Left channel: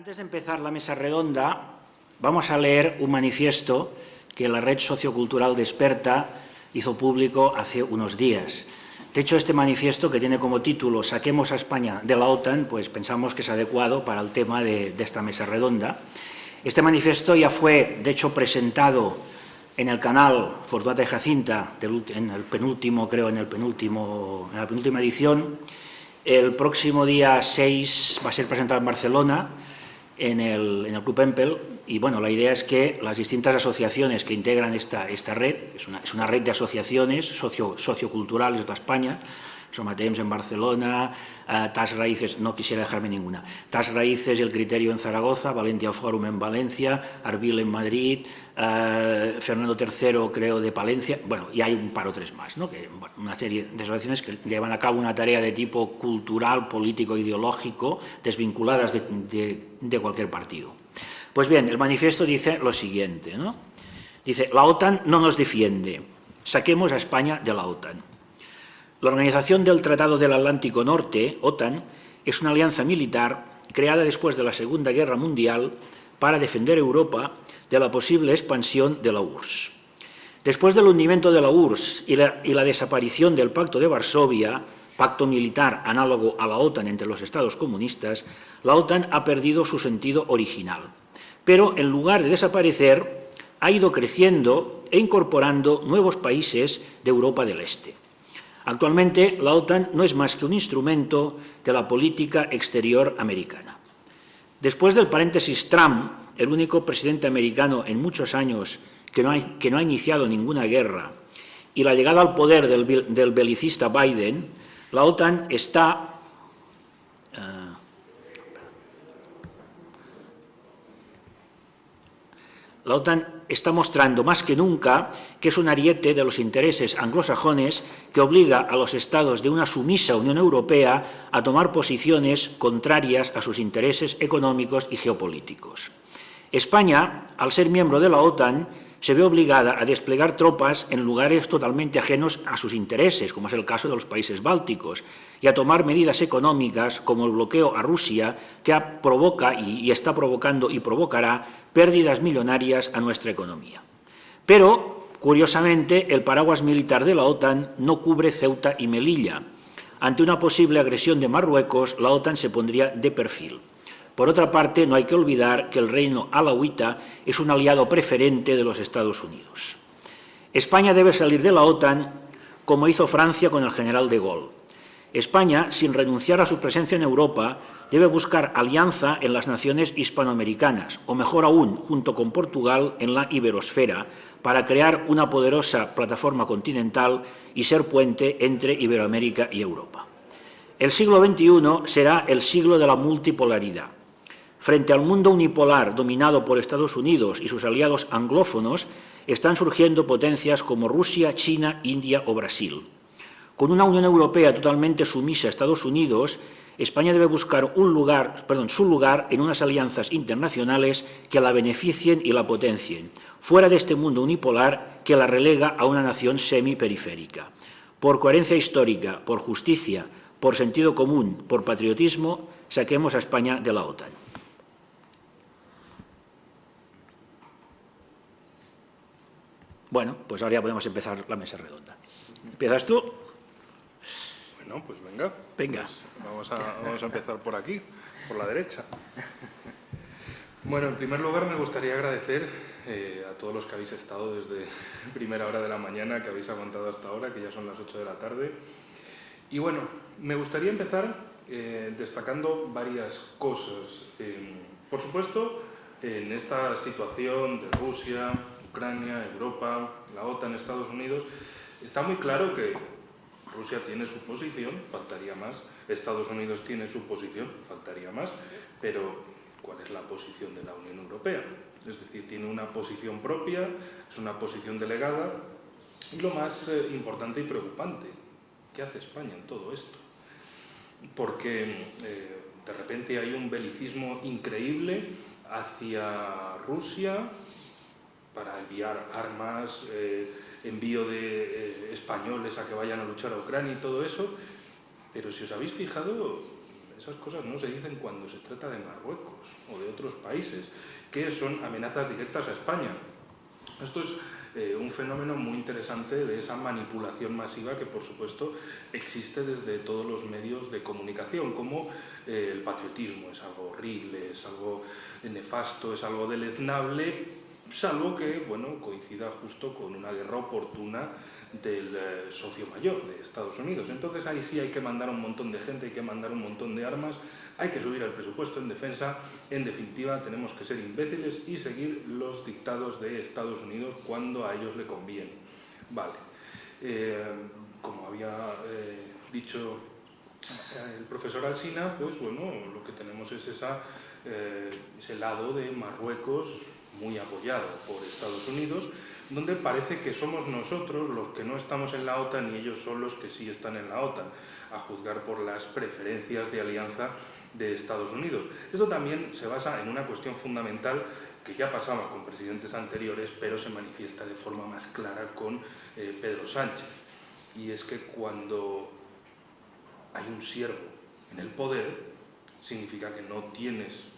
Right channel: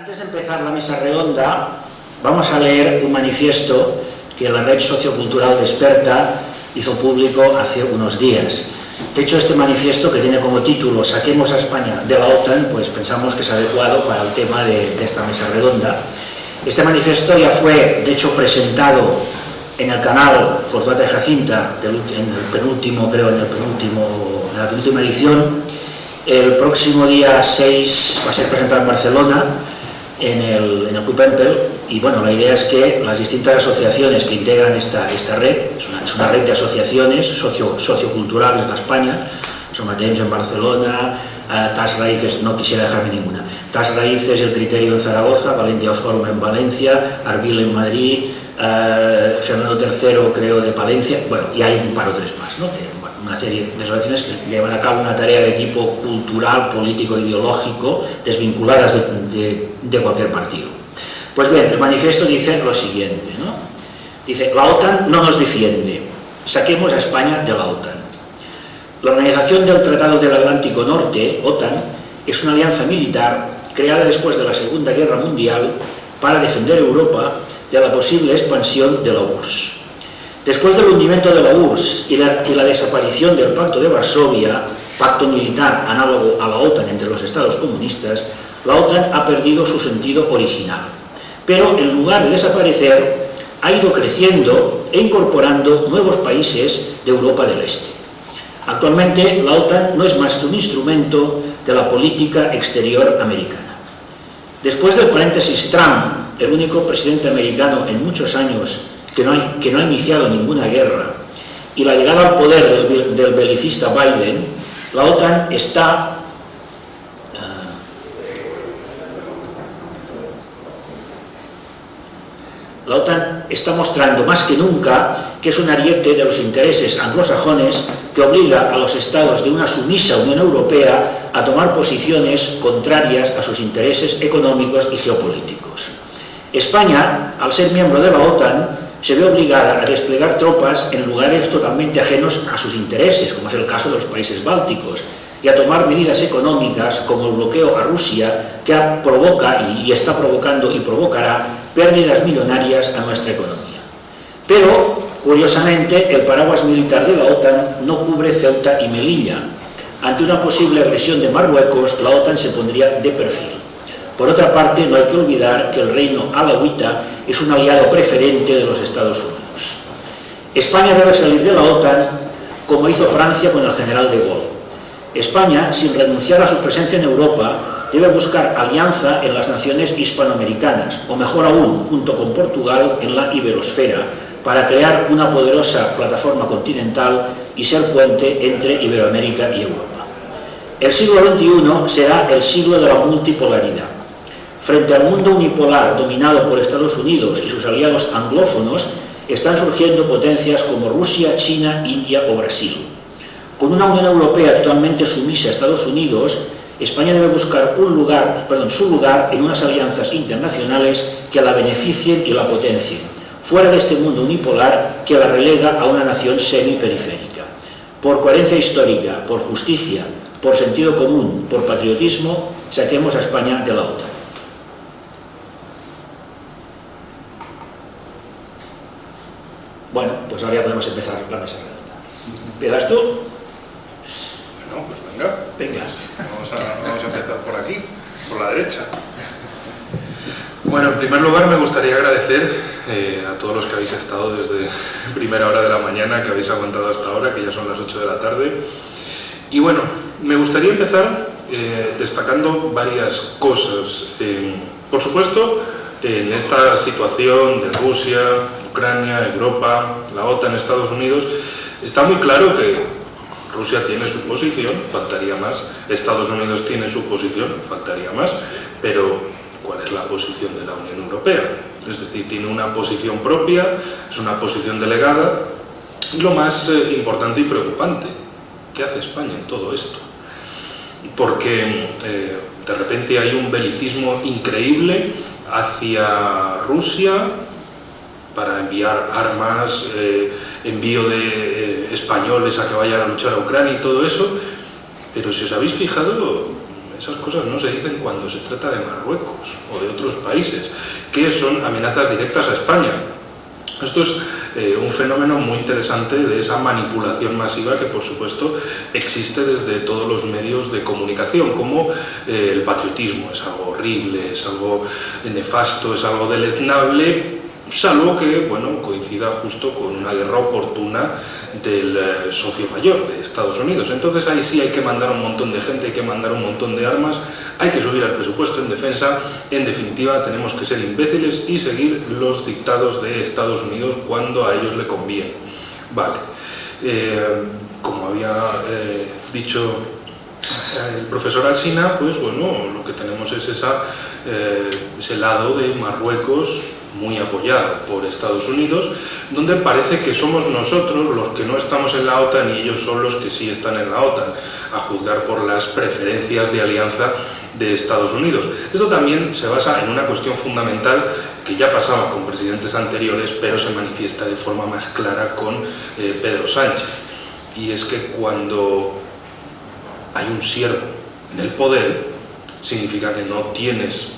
Antes de empezar la mesa redonda, vamos a leer un manifiesto que la red sociocultural Desperta hizo público hace unos días. De hecho, este manifiesto, que tiene como título "Saquemos a España de la OTAN", pues pensamos que es adecuado para el tema de esta mesa redonda. Este manifiesto ya fue, de hecho, presentado en el canal Fortunata y Jacinta, en la penúltima edición. El próximo día 6 va a ser presentado en Barcelona, en el Club Empel, y bueno, la idea es que las distintas asociaciones que integran esta red, es una red de asociaciones socioculturales de España, Somatemps en Barcelona, TAS Raíces, no quisiera dejarme ninguna, TAS Raíces, El Criterio en Zaragoza, Valencia Forum en Valencia, Arbil en Madrid, Fernando III, creo, de Palencia, bueno, y hay un par o tres más, ¿no? Una serie de asociaciones que llevan a cabo una tarea de tipo cultural, político, ideológico, desvinculadas de cualquier partido. Pues bien, el manifiesto dice lo siguiente, ¿no? Dice: la OTAN no nos defiende, saquemos a España de la OTAN. La Organización del Tratado del Atlántico Norte, OTAN, es una alianza militar creada después de la Segunda Guerra Mundial para defender Europa de la posible expansión de la URSS. Después del hundimiento de la URSS y la desaparición del Pacto de Varsovia, pacto militar análogo a la OTAN entre los estados comunistas, la OTAN ha perdido su sentido original. Pero en lugar de desaparecer, ha ido creciendo e incorporando nuevos países de Europa del Este. Actualmente, la OTAN no es más que un instrumento de la política exterior americana. Después del paréntesis Trump, el único presidente americano en muchos años que no ha iniciado ninguna guerra, y la llegada al poder del belicista Biden, la OTAN está mostrando más que nunca que es un ariete de los intereses anglosajones que obliga a los estados de una sumisa Unión Europea a tomar posiciones contrarias a sus intereses económicos y geopolíticos. España, al ser miembro de la OTAN, se ve obligada a desplegar tropas en lugares totalmente ajenos a sus intereses, como es el caso de los países bálticos, y a tomar medidas económicas como el bloqueo a Rusia, que provoca y está provocando y provocará pérdidas millonarias a nuestra economía. Pero, curiosamente, el paraguas militar de la OTAN no cubre Ceuta y Melilla. Ante una posible agresión de Marruecos, la OTAN se pondría de perfil. Por otra parte, no hay que olvidar que el reino alauita es un aliado preferente de los Estados Unidos. España debe salir de la OTAN como hizo Francia con el general de Gaulle. España, sin renunciar a su presencia en Europa, debe buscar alianza en las naciones hispanoamericanas, o mejor aún, junto con Portugal, en la iberosfera, para crear una poderosa plataforma continental y ser puente entre Iberoamérica y Europa. El siglo XXI será el siglo de la multipolaridad. Frente al mundo unipolar dominado por Estados Unidos y sus aliados anglófonos, están surgiendo potencias como Rusia, China, India o Brasil. Con una Unión Europea totalmente sumisa a Estados Unidos, España debe buscar su lugar en unas alianzas internacionales que la beneficien y la potencien, fuera de este mundo unipolar que la relega a una nación semiperiférica. Por coherencia histórica, por justicia, por sentido común, por patriotismo, saquemos a España de la OTAN. Bueno, pues ahora ya podemos empezar la mesa redonda. ¿Empiezas tú? Bueno, pues venga. Venga. Vamos a empezar por aquí, por la derecha. Bueno, en primer lugar me gustaría agradecer a todos los que habéis estado desde primera hora de la mañana, que habéis aguantado hasta ahora, que ya son las 8 de la tarde. Y bueno, me gustaría empezar destacando varias cosas. Por supuesto, en esta situación de Rusia, Ucrania, Europa, la OTAN, Estados Unidos, está muy claro que Rusia tiene su posición, faltaría más, Estados Unidos tiene su posición, faltaría más, pero ¿cuál es la posición de la Unión Europea? Es decir, tiene una posición propia, es una posición delegada, y lo más importante y preocupante, ¿qué hace España en todo esto? Porque de repente hay un belicismo increíble hacia Rusia para enviar armas, envío de españoles a que vayan a luchar a Ucrania y todo eso, pero si os habéis fijado, esas cosas no se dicen cuando se trata de Marruecos o de otros países, que son amenazas directas a España. Esto es un fenómeno muy interesante de esa manipulación masiva que, por supuesto, existe desde todos los medios de comunicación, como el patriotismo. Es algo horrible, es algo nefasto, es algo deleznable, salvo que, bueno, coincida justo con una guerra oportuna del socio mayor de Estados Unidos. Entonces ahí sí hay que mandar un montón de gente, hay que mandar un montón de armas, hay que subir el presupuesto en defensa. En definitiva, tenemos que ser imbéciles y seguir los dictados de Estados Unidos cuando a ellos le conviene. Vale, como había dicho el profesor Alsina, pues bueno, lo que tenemos es ese lado de Marruecos muy apoyado por Estados Unidos, donde parece que somos nosotros los que no estamos en la OTAN y ellos son los que sí están en la OTAN, a juzgar por las preferencias de alianza de Estados Unidos. Esto también se basa en una cuestión fundamental que ya pasaba con presidentes anteriores, pero se manifiesta de forma más clara con Pedro Sánchez. Y es que cuando hay un siervo en el poder, significa que no tienes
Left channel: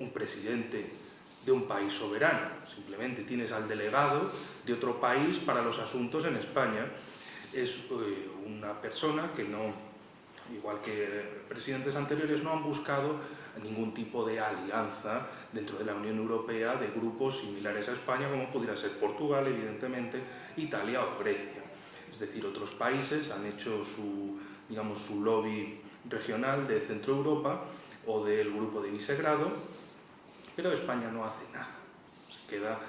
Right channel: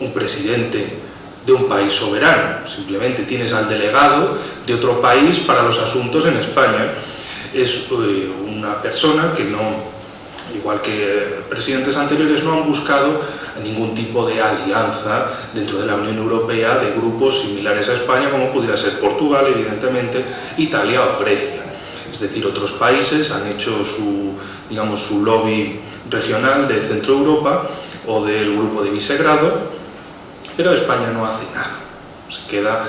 un presidente de un país soberano, simplemente tienes al delegado de otro país para los asuntos en España. Es una persona que no, igual que presidentes anteriores, no han buscado ningún tipo de alianza dentro de la Unión Europea de grupos similares a España, como pudiera ser Portugal, evidentemente, Italia o Grecia. Es decir, otros países han hecho su lobby regional de Centro Europa o del grupo de Visegrado, pero España no hace nada, se queda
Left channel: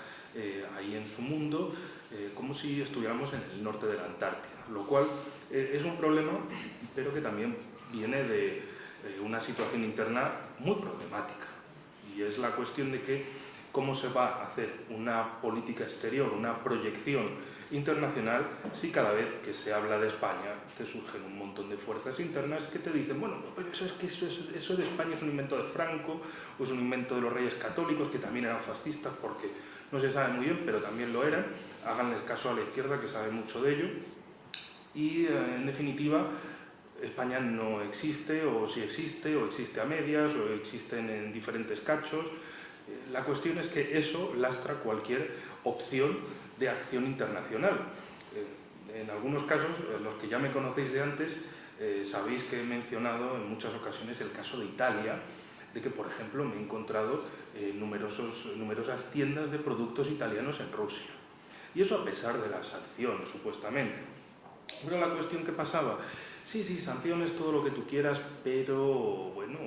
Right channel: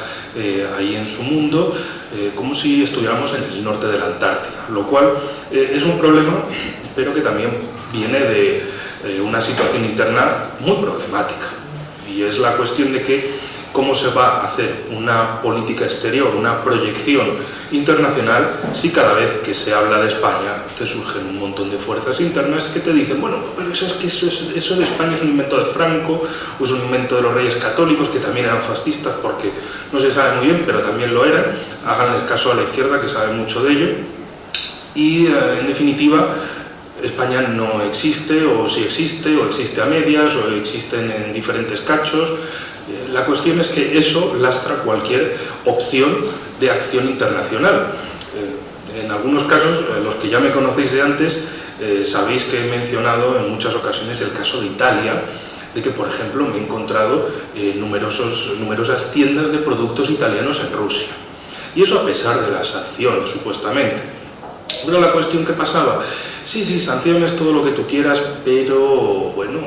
ahí en su mundo como si estuviéramos en el norte de la Antártida, lo cual es un problema, pero que también viene de una situación interna muy problemática, y es la cuestión de que cómo se va a hacer una política exterior, una proyección internacional, si cada vez que se habla de España te surgen un montón de fuerzas internas que te dicen, bueno, pero eso de España es un invento de Franco, o es un invento de los reyes católicos, que también eran fascistas, porque no se sabe muy bien, pero también lo eran. Háganle caso a la izquierda, que sabe mucho de ello. Y en definitiva, España no existe, o sí existe, o existe a medias, o existen en diferentes cachos. La cuestión es que eso lastra cualquier opción de acción internacional. En algunos casos, los que ya me conocéis de antes, sabéis que he mencionado en muchas ocasiones el caso de Italia, de que, por ejemplo, me he encontrado numerosas tiendas de productos italianos en Rusia. Y eso a pesar de las sanciones, supuestamente. Pero la cuestión que pasaba, sí, sanciones, todo lo que tú quieras, pero bueno,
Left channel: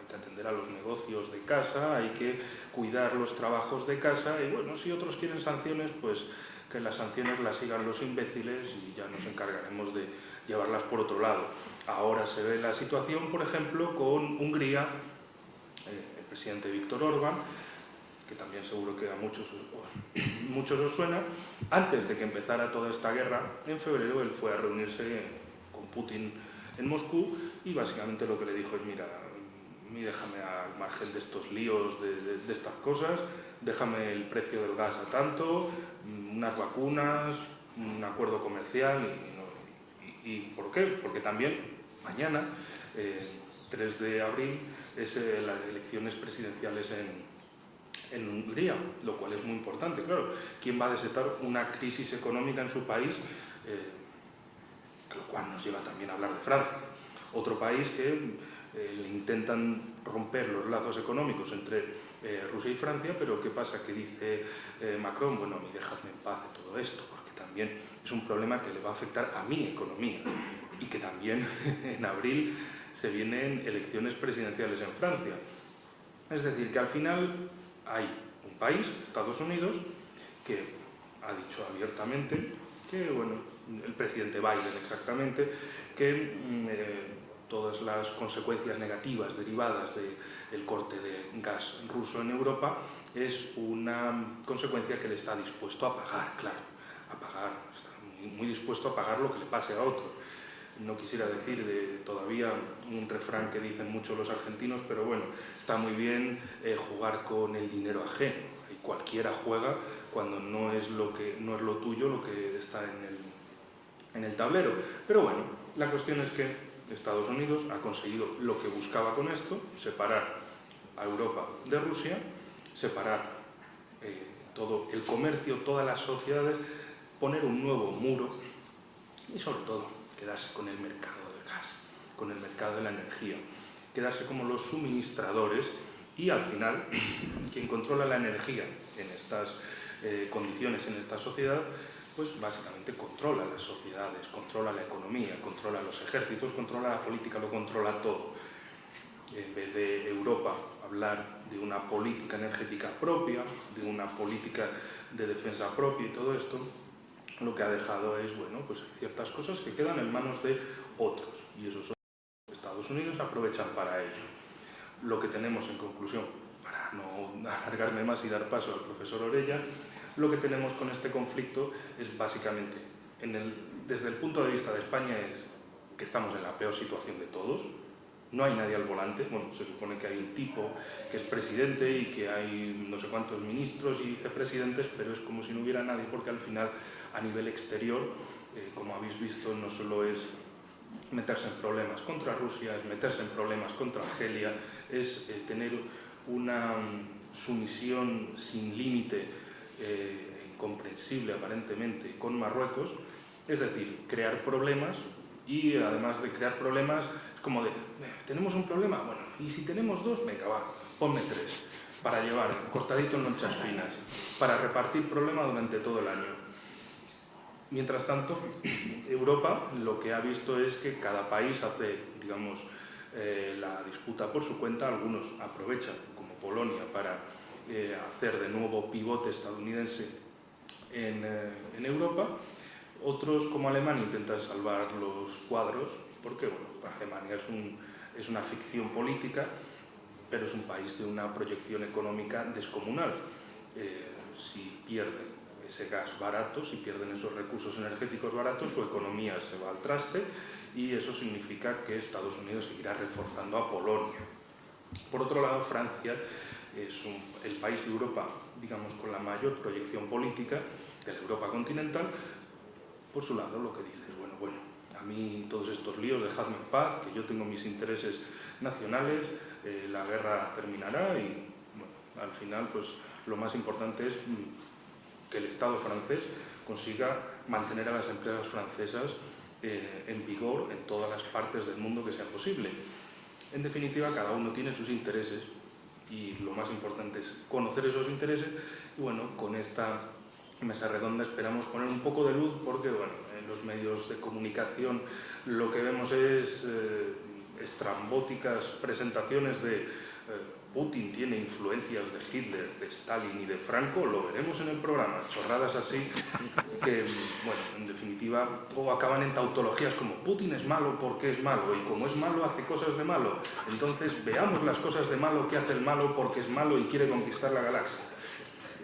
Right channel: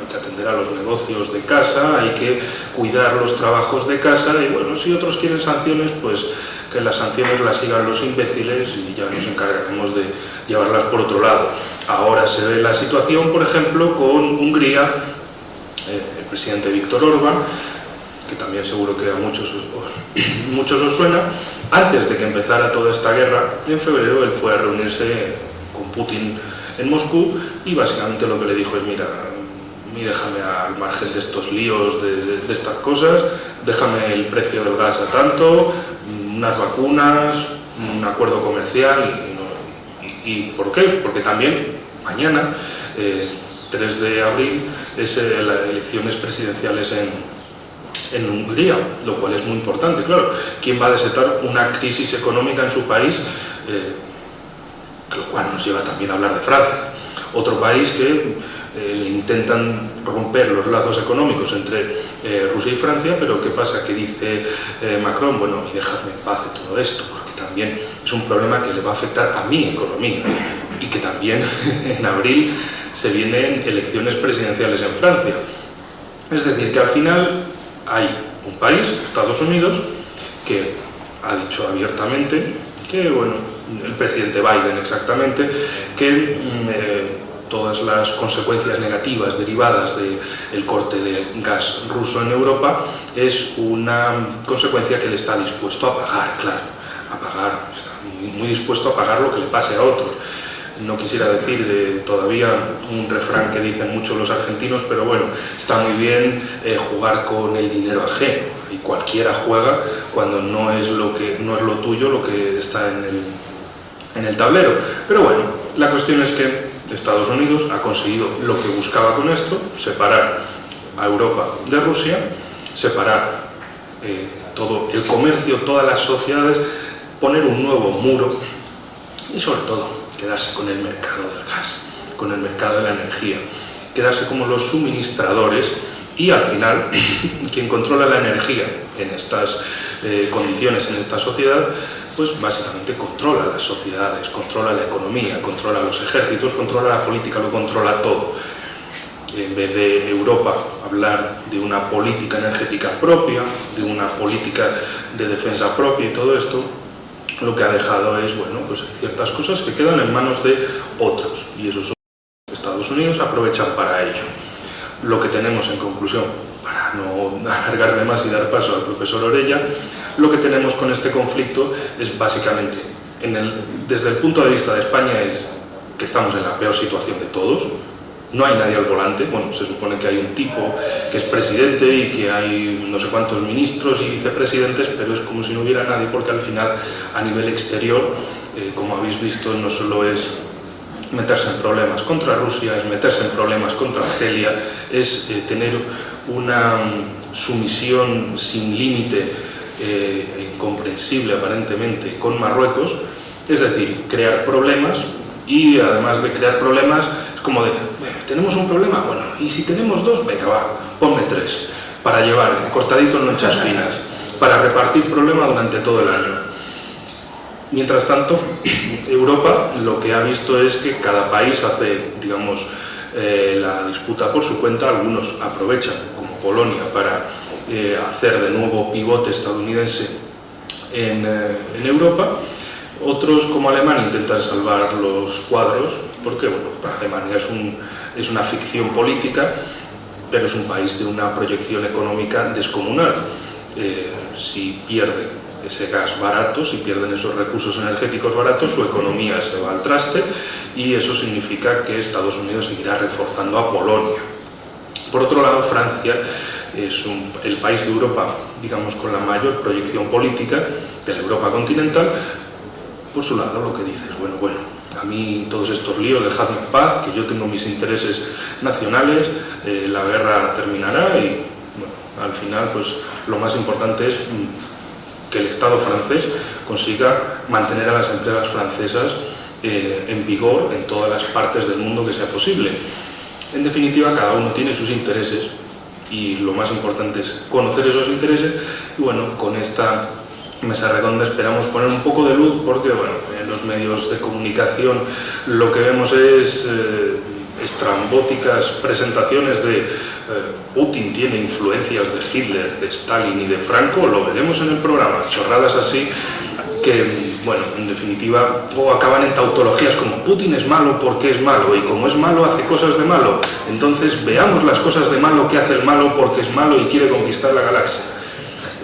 hay que atender a los negocios de casa, hay que cuidar los trabajos de casa, y bueno, si otros quieren sanciones, pues que las sanciones las sigan los imbéciles y ya nos encargaremos de llevarlas por otro lado. Ahora se ve la situación, por ejemplo, con Hungría, el presidente Viktor Orbán, que también seguro que a muchos os suena. Antes de que empezara toda esta guerra, en febrero él fue a reunirse con Putin en Moscú, y básicamente lo que le dijo es, mira, déjame al margen de estos líos, de estas cosas, déjame el precio del gas a tanto, unas vacunas, un acuerdo comercial. ¿Y por qué? Porque también mañana, 3 de abril, es las elecciones presidenciales en Hungría, lo cual es muy importante. Claro, ¿quién va a desatar una crisis económica en su país? Lo cual nos lleva también a hablar de Francia, otro país que intentan romper los lazos económicos entre Rusia y Francia, pero ¿qué pasa? Que dice Macron, bueno, y dejadme en paz de todo esto, porque también es un problema que le va a afectar a mi economía, y que también en abril se vienen elecciones presidenciales en Francia. Es decir, que al final hay un país, Estados Unidos, que ha dicho abiertamente que, bueno, el presidente Biden exactamente, que todas las consecuencias negativas derivadas del corte de gas ruso en Europa es una consecuencia que él está dispuesto a pagar, claro, está muy dispuesto a pagar lo que le pase a otros. No quisiera decir todavía un refrán que dicen mucho los argentinos, pero bueno, está muy bien jugar con el dinero ajeno, y cualquiera juega cuando no es lo tuyo lo que está en el tablero. Pero bueno, la cuestión es que Estados Unidos ha conseguido lo que buscaba con esto, separar a Europa de Rusia, separar todo el comercio, todas las sociedades, poner un nuevo muro y sobre todo quedarse con el mercado del gas, con el mercado de la energía, quedarse como los suministradores y al final quien controla la energía en estas condiciones, en esta sociedad, pues básicamente controla las sociedades, controla la economía, controla los ejércitos, controla la política, lo controla todo. En vez de Europa hablar de una política energética propia, de una política de defensa propia y todo esto, lo que ha dejado es, bueno, pues ciertas cosas que quedan en manos de otros y esos Estados Unidos aprovechan para ello. Lo que tenemos en conclusión, para no alargarme más y dar paso al profesor Orella, lo que tenemos con este conflicto es básicamente, desde el punto de vista de España, es que estamos en la peor situación de todos. No hay nadie al volante, bueno, se supone que hay un tipo que es presidente y que hay no sé cuántos ministros y vicepresidentes, pero es como si no hubiera nadie, porque al final, a nivel exterior, como habéis visto, no solo es meterse en problemas contra Rusia, es meterse en problemas contra Argelia, es tener una sumisión sin límite, incomprensible aparentemente, con Marruecos, es decir, crear problemas. Y además de crear problemas, es como de, ¿tenemos un problema? Bueno, y si tenemos dos, venga, va, ponme tres, para llevar cortadito en lonchas finas, para repartir problemas durante todo el año. Mientras tanto, Europa lo que ha visto es que cada país hace, digamos, la disputa por su cuenta. Algunos aprovechan, como Polonia, para hacer de nuevo pivote estadounidense en Europa. Otros, como Alemania, intentan salvar los cuadros, porque bueno, Alemania es una ficción política, pero es un país de una proyección económica descomunal. Si pierde ese gas barato, si pierden esos recursos energéticos baratos, su economía se va al traste y eso significa que Estados Unidos seguirá reforzando a Polonia. Por otro lado, Francia es el país de Europa, digamos, con la mayor proyección política de la Europa continental. Por su lado, lo que dices, bueno, a mí todos estos líos, dejadme en paz, que yo tengo mis intereses nacionales, la guerra terminará y bueno, al final pues lo más importante es que el Estado francés consiga mantener a las empresas francesas en vigor en todas las partes del mundo que sea posible. En definitiva, cada uno tiene sus intereses y lo más importante es conocer esos intereses y bueno, con esta mesa redonda esperamos poner un poco de luz porque bueno, en los medios de comunicación lo que vemos es estrambóticas presentaciones de Putin tiene influencias de Hitler, de Stalin y de Franco, lo veremos en el programa, chorradas así que, bueno, en definitiva, o acaban en tautologías como Putin es malo porque es malo y como es malo hace cosas de malo, entonces veamos las cosas de malo que hace el malo porque es malo y quiere conquistar la galaxia.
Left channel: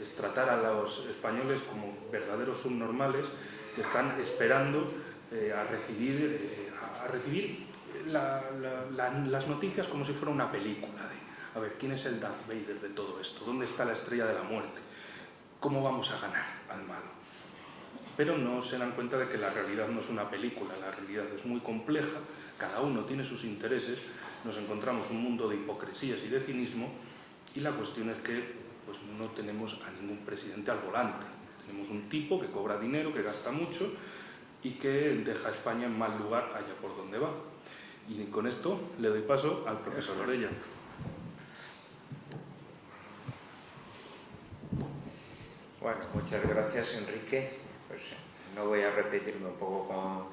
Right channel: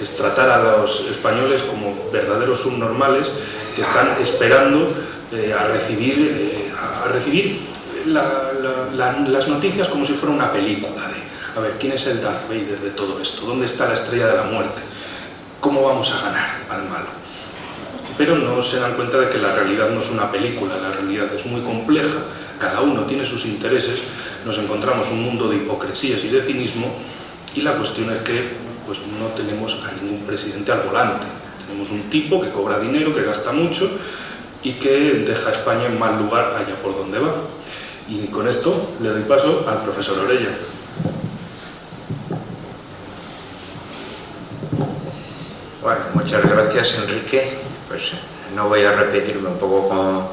Es tratar a los españoles como verdaderos subnormales que están esperando a recibir las noticias como si fuera una película de, a ver, ¿quién es el Darth Vader de todo esto? ¿Dónde está la estrella de la muerte? ¿Cómo vamos a ganar al malo? Pero no se dan cuenta de que la realidad no es una película, la realidad es muy compleja, cada uno tiene sus intereses, nos encontramos un mundo de hipocresías y de cinismo y la cuestión es que pues no tenemos a ningún presidente al volante. Tenemos un tipo que cobra dinero, que gasta mucho y que deja a España en mal lugar allá por donde va. Y con esto le doy paso al profesor Orella. Bueno, muchas gracias, Enrique. Pues no voy a repetirme un poco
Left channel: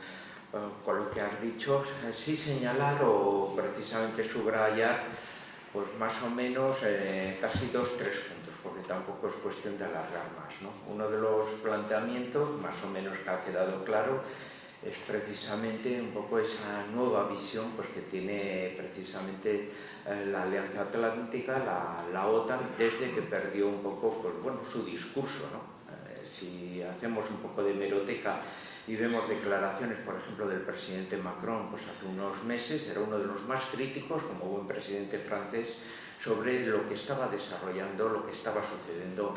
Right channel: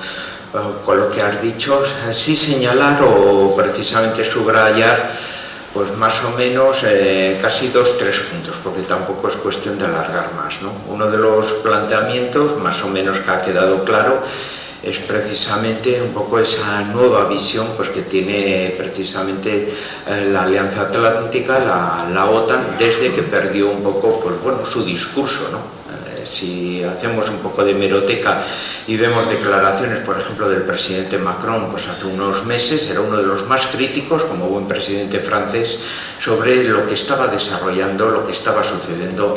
con lo que has dicho. Sí señalar o precisamente subrayar pues más o menos casi 2-3 puntos, porque tampoco es cuestión de alargar más, ¿no? Uno de los planteamientos, más o menos que ha quedado claro, es precisamente un poco esa nueva visión pues, que tiene precisamente la Alianza Atlántica, la OTAN, desde que perdió un poco pues, bueno, su discurso, ¿no? Si hacemos un poco de hemeroteca y vemos declaraciones, por ejemplo, del presidente Macron, pues hace unos meses era uno de los más críticos, como buen presidente francés, sobre lo que estaba desarrollando, lo que estaba sucediendo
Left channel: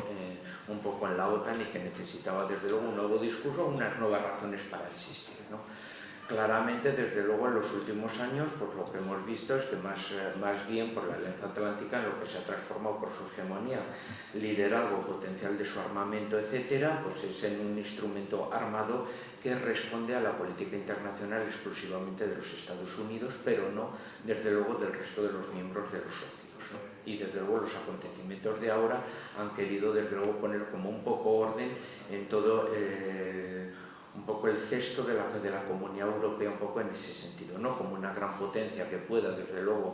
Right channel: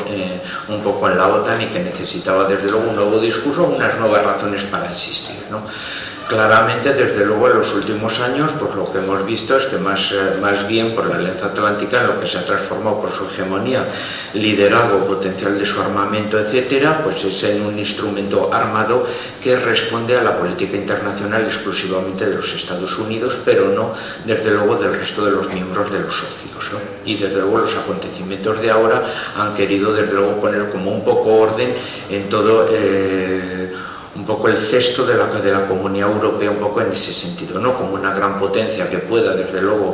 un poco en la OTAN y que necesitaba, desde luego, un nuevo discurso, unas nuevas razones para existir, ¿no? Claramente, desde luego, en los últimos años, pues lo que hemos visto es que más bien por la Alianza Atlántica, en lo que se ha transformado por su hegemonía, liderazgo, potencial de su armamento, etcétera, pues es en un instrumento armado que responde a la política internacional exclusivamente de los Estados Unidos, pero no, desde luego, del resto de los miembros de los socios, ¿no? Y desde luego los acontecimientos de ahora han querido, desde luego, poner como un poco orden en todo un poco el cesto de la Comunidad Europea, un poco en ese sentido, no como una gran potencia que pueda, desde luego,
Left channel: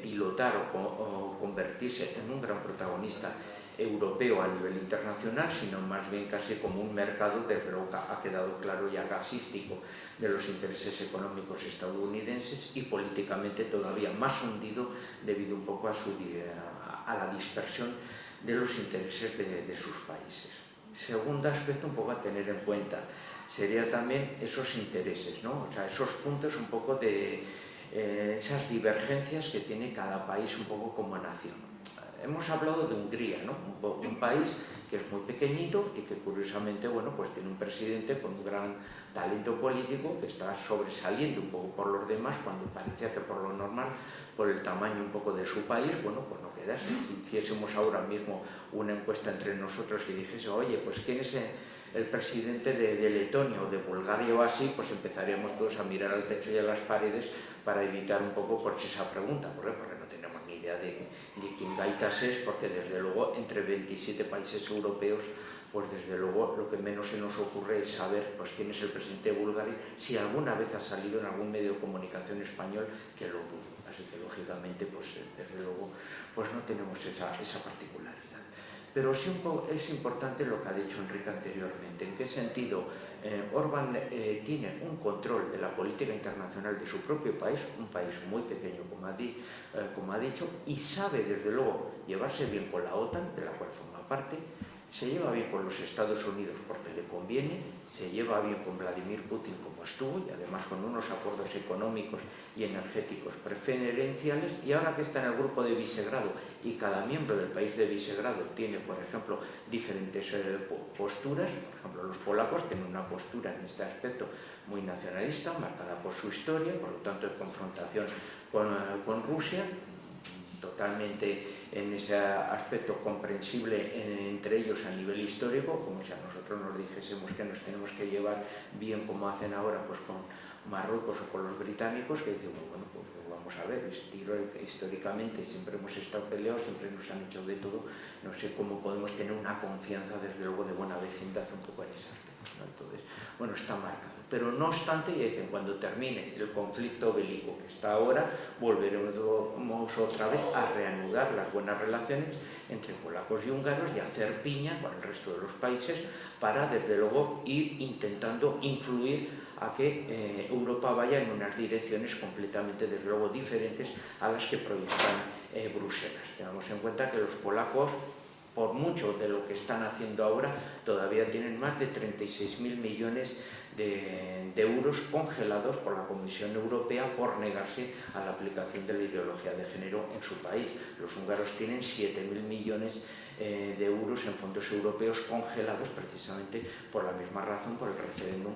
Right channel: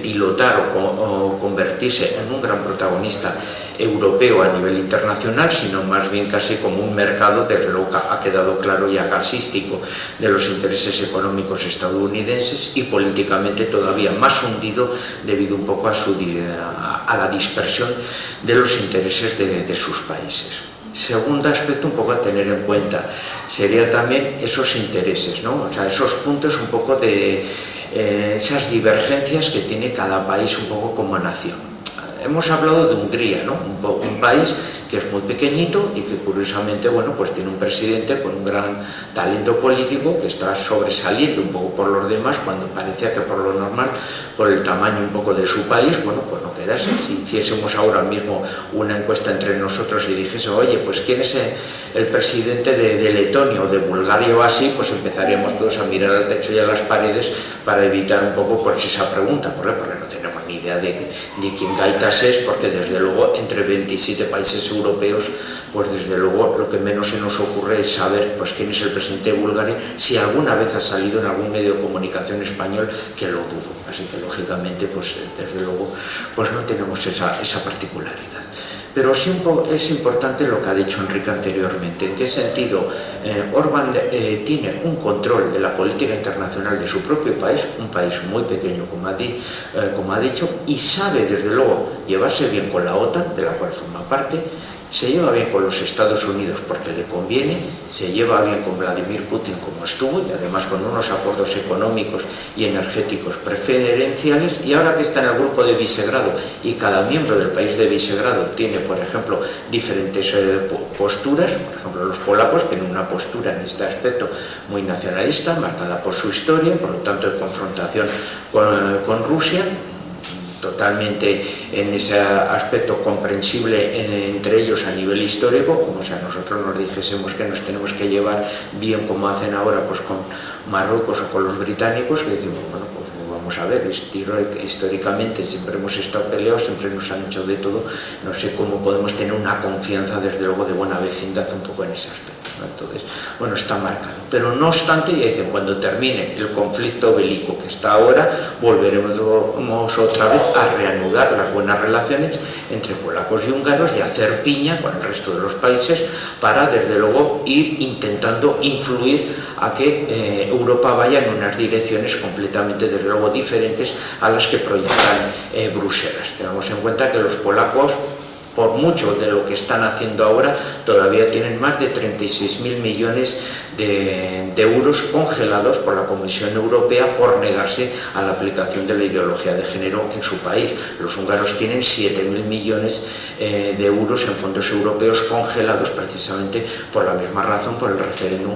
pilotar o convertirse en un gran protagonista europeo a nivel internacional, sino más bien casi como un mercado, desde luego ha quedado claro ya gasístico, de los intereses económicos estadounidenses y políticamente todavía más hundido debido un poco a la dispersión de los intereses de sus países. Segundo aspecto un poco a tener en cuenta sería también esos intereses, ¿no? O sea, esos puntos un poco de esas divergencias que tiene cada país un poco como nación. Hemos hablado de Hungría, ¿no? Un país que es muy pequeñito y que curiosamente, bueno, pues tiene un presidente con un gran talento político que está sobresaliendo un poco por los demás, cuando parecía que por lo normal, por el tamaño un poco de su país, bueno, pues no quedase. Si hiciésemos ahora mismo una encuesta entre nosotros y dijese, oye, pues ¿quién es el presidente de Letonia o de Bulgaria o así? Pues empezaríamos todos a mirar al techo y a las paredes para evitar un poco pues esa pregunta. ¿Por qué? Porque no tenemos ni idea de quién Gaitas es, porque desde luego entre 27 países europeos, pues desde luego lo que menos se nos ocurre es saber pues quién es el presidente de Bulgaria, si alguna vez ha salido en algún medio de comunicación español, que lo dudo. Así que lógicamente pues desde luego pues no tenemos esa particularidad. Pero sí es importante lo que ha dicho Enrique anteriormente. ¿En qué sentido? Orbán tiene un control de la política internacional de su propio país, un país muy pequeño, como ha dicho, y sabe desde luego llevarse bien con la OTAN, de la cual forma parte. Se lleva bien con los Estados Unidos porque le conviene, se lleva bien con Vladimir Putin como estuvo, y además con unos acuerdos económicos y energéticos preferenciales, y ahora que está en el grupo de Visegrado y cada miembro del país de Visegrado tiene, por ejemplo, diferentes posturas. Por ejemplo, los polacos tienen una postura en este aspecto muy nacionalista, marcada por su historia, por lo tanto de confrontación con Rusia, totalmente en ese aspecto comprensible entre ellos a nivel histórico, como si a nosotros nos dijésemos que nos tenemos que llevar bien como hacen ahora pues con Marruecos o con los británicos, que decimos, bueno, pues vamos a ver, históricamente siempre hemos estado peleados, siempre nos han hecho de todo, no sé cómo podemos tener una confianza desde luego de buena vecindad un poco en ese aspecto, ¿no? Entonces, bueno, está marcado. Pero no obstante, ya dicen, cuando termine el conflicto bélico que está ahora, volveremos otra vez a reanudar las buenas relaciones entre polacos y húngaros y hacer piña con el resto de los países para, desde luego, ir intentando influir a que Europa vaya en unas direcciones completamente, desde luego, diferentes a las que proyectan Bruselas. Tenemos en cuenta que los polacos, por mucho de lo que están haciendo ahora, todavía tienen más de 36.000 millones de euros congelados por la Comisión Europea por negarse a la aplicación de la ideología de género en su país. Los húngaros tienen 7.000 millones de euros en fondos europeos congelados precisamente por la misma razón, por el referéndum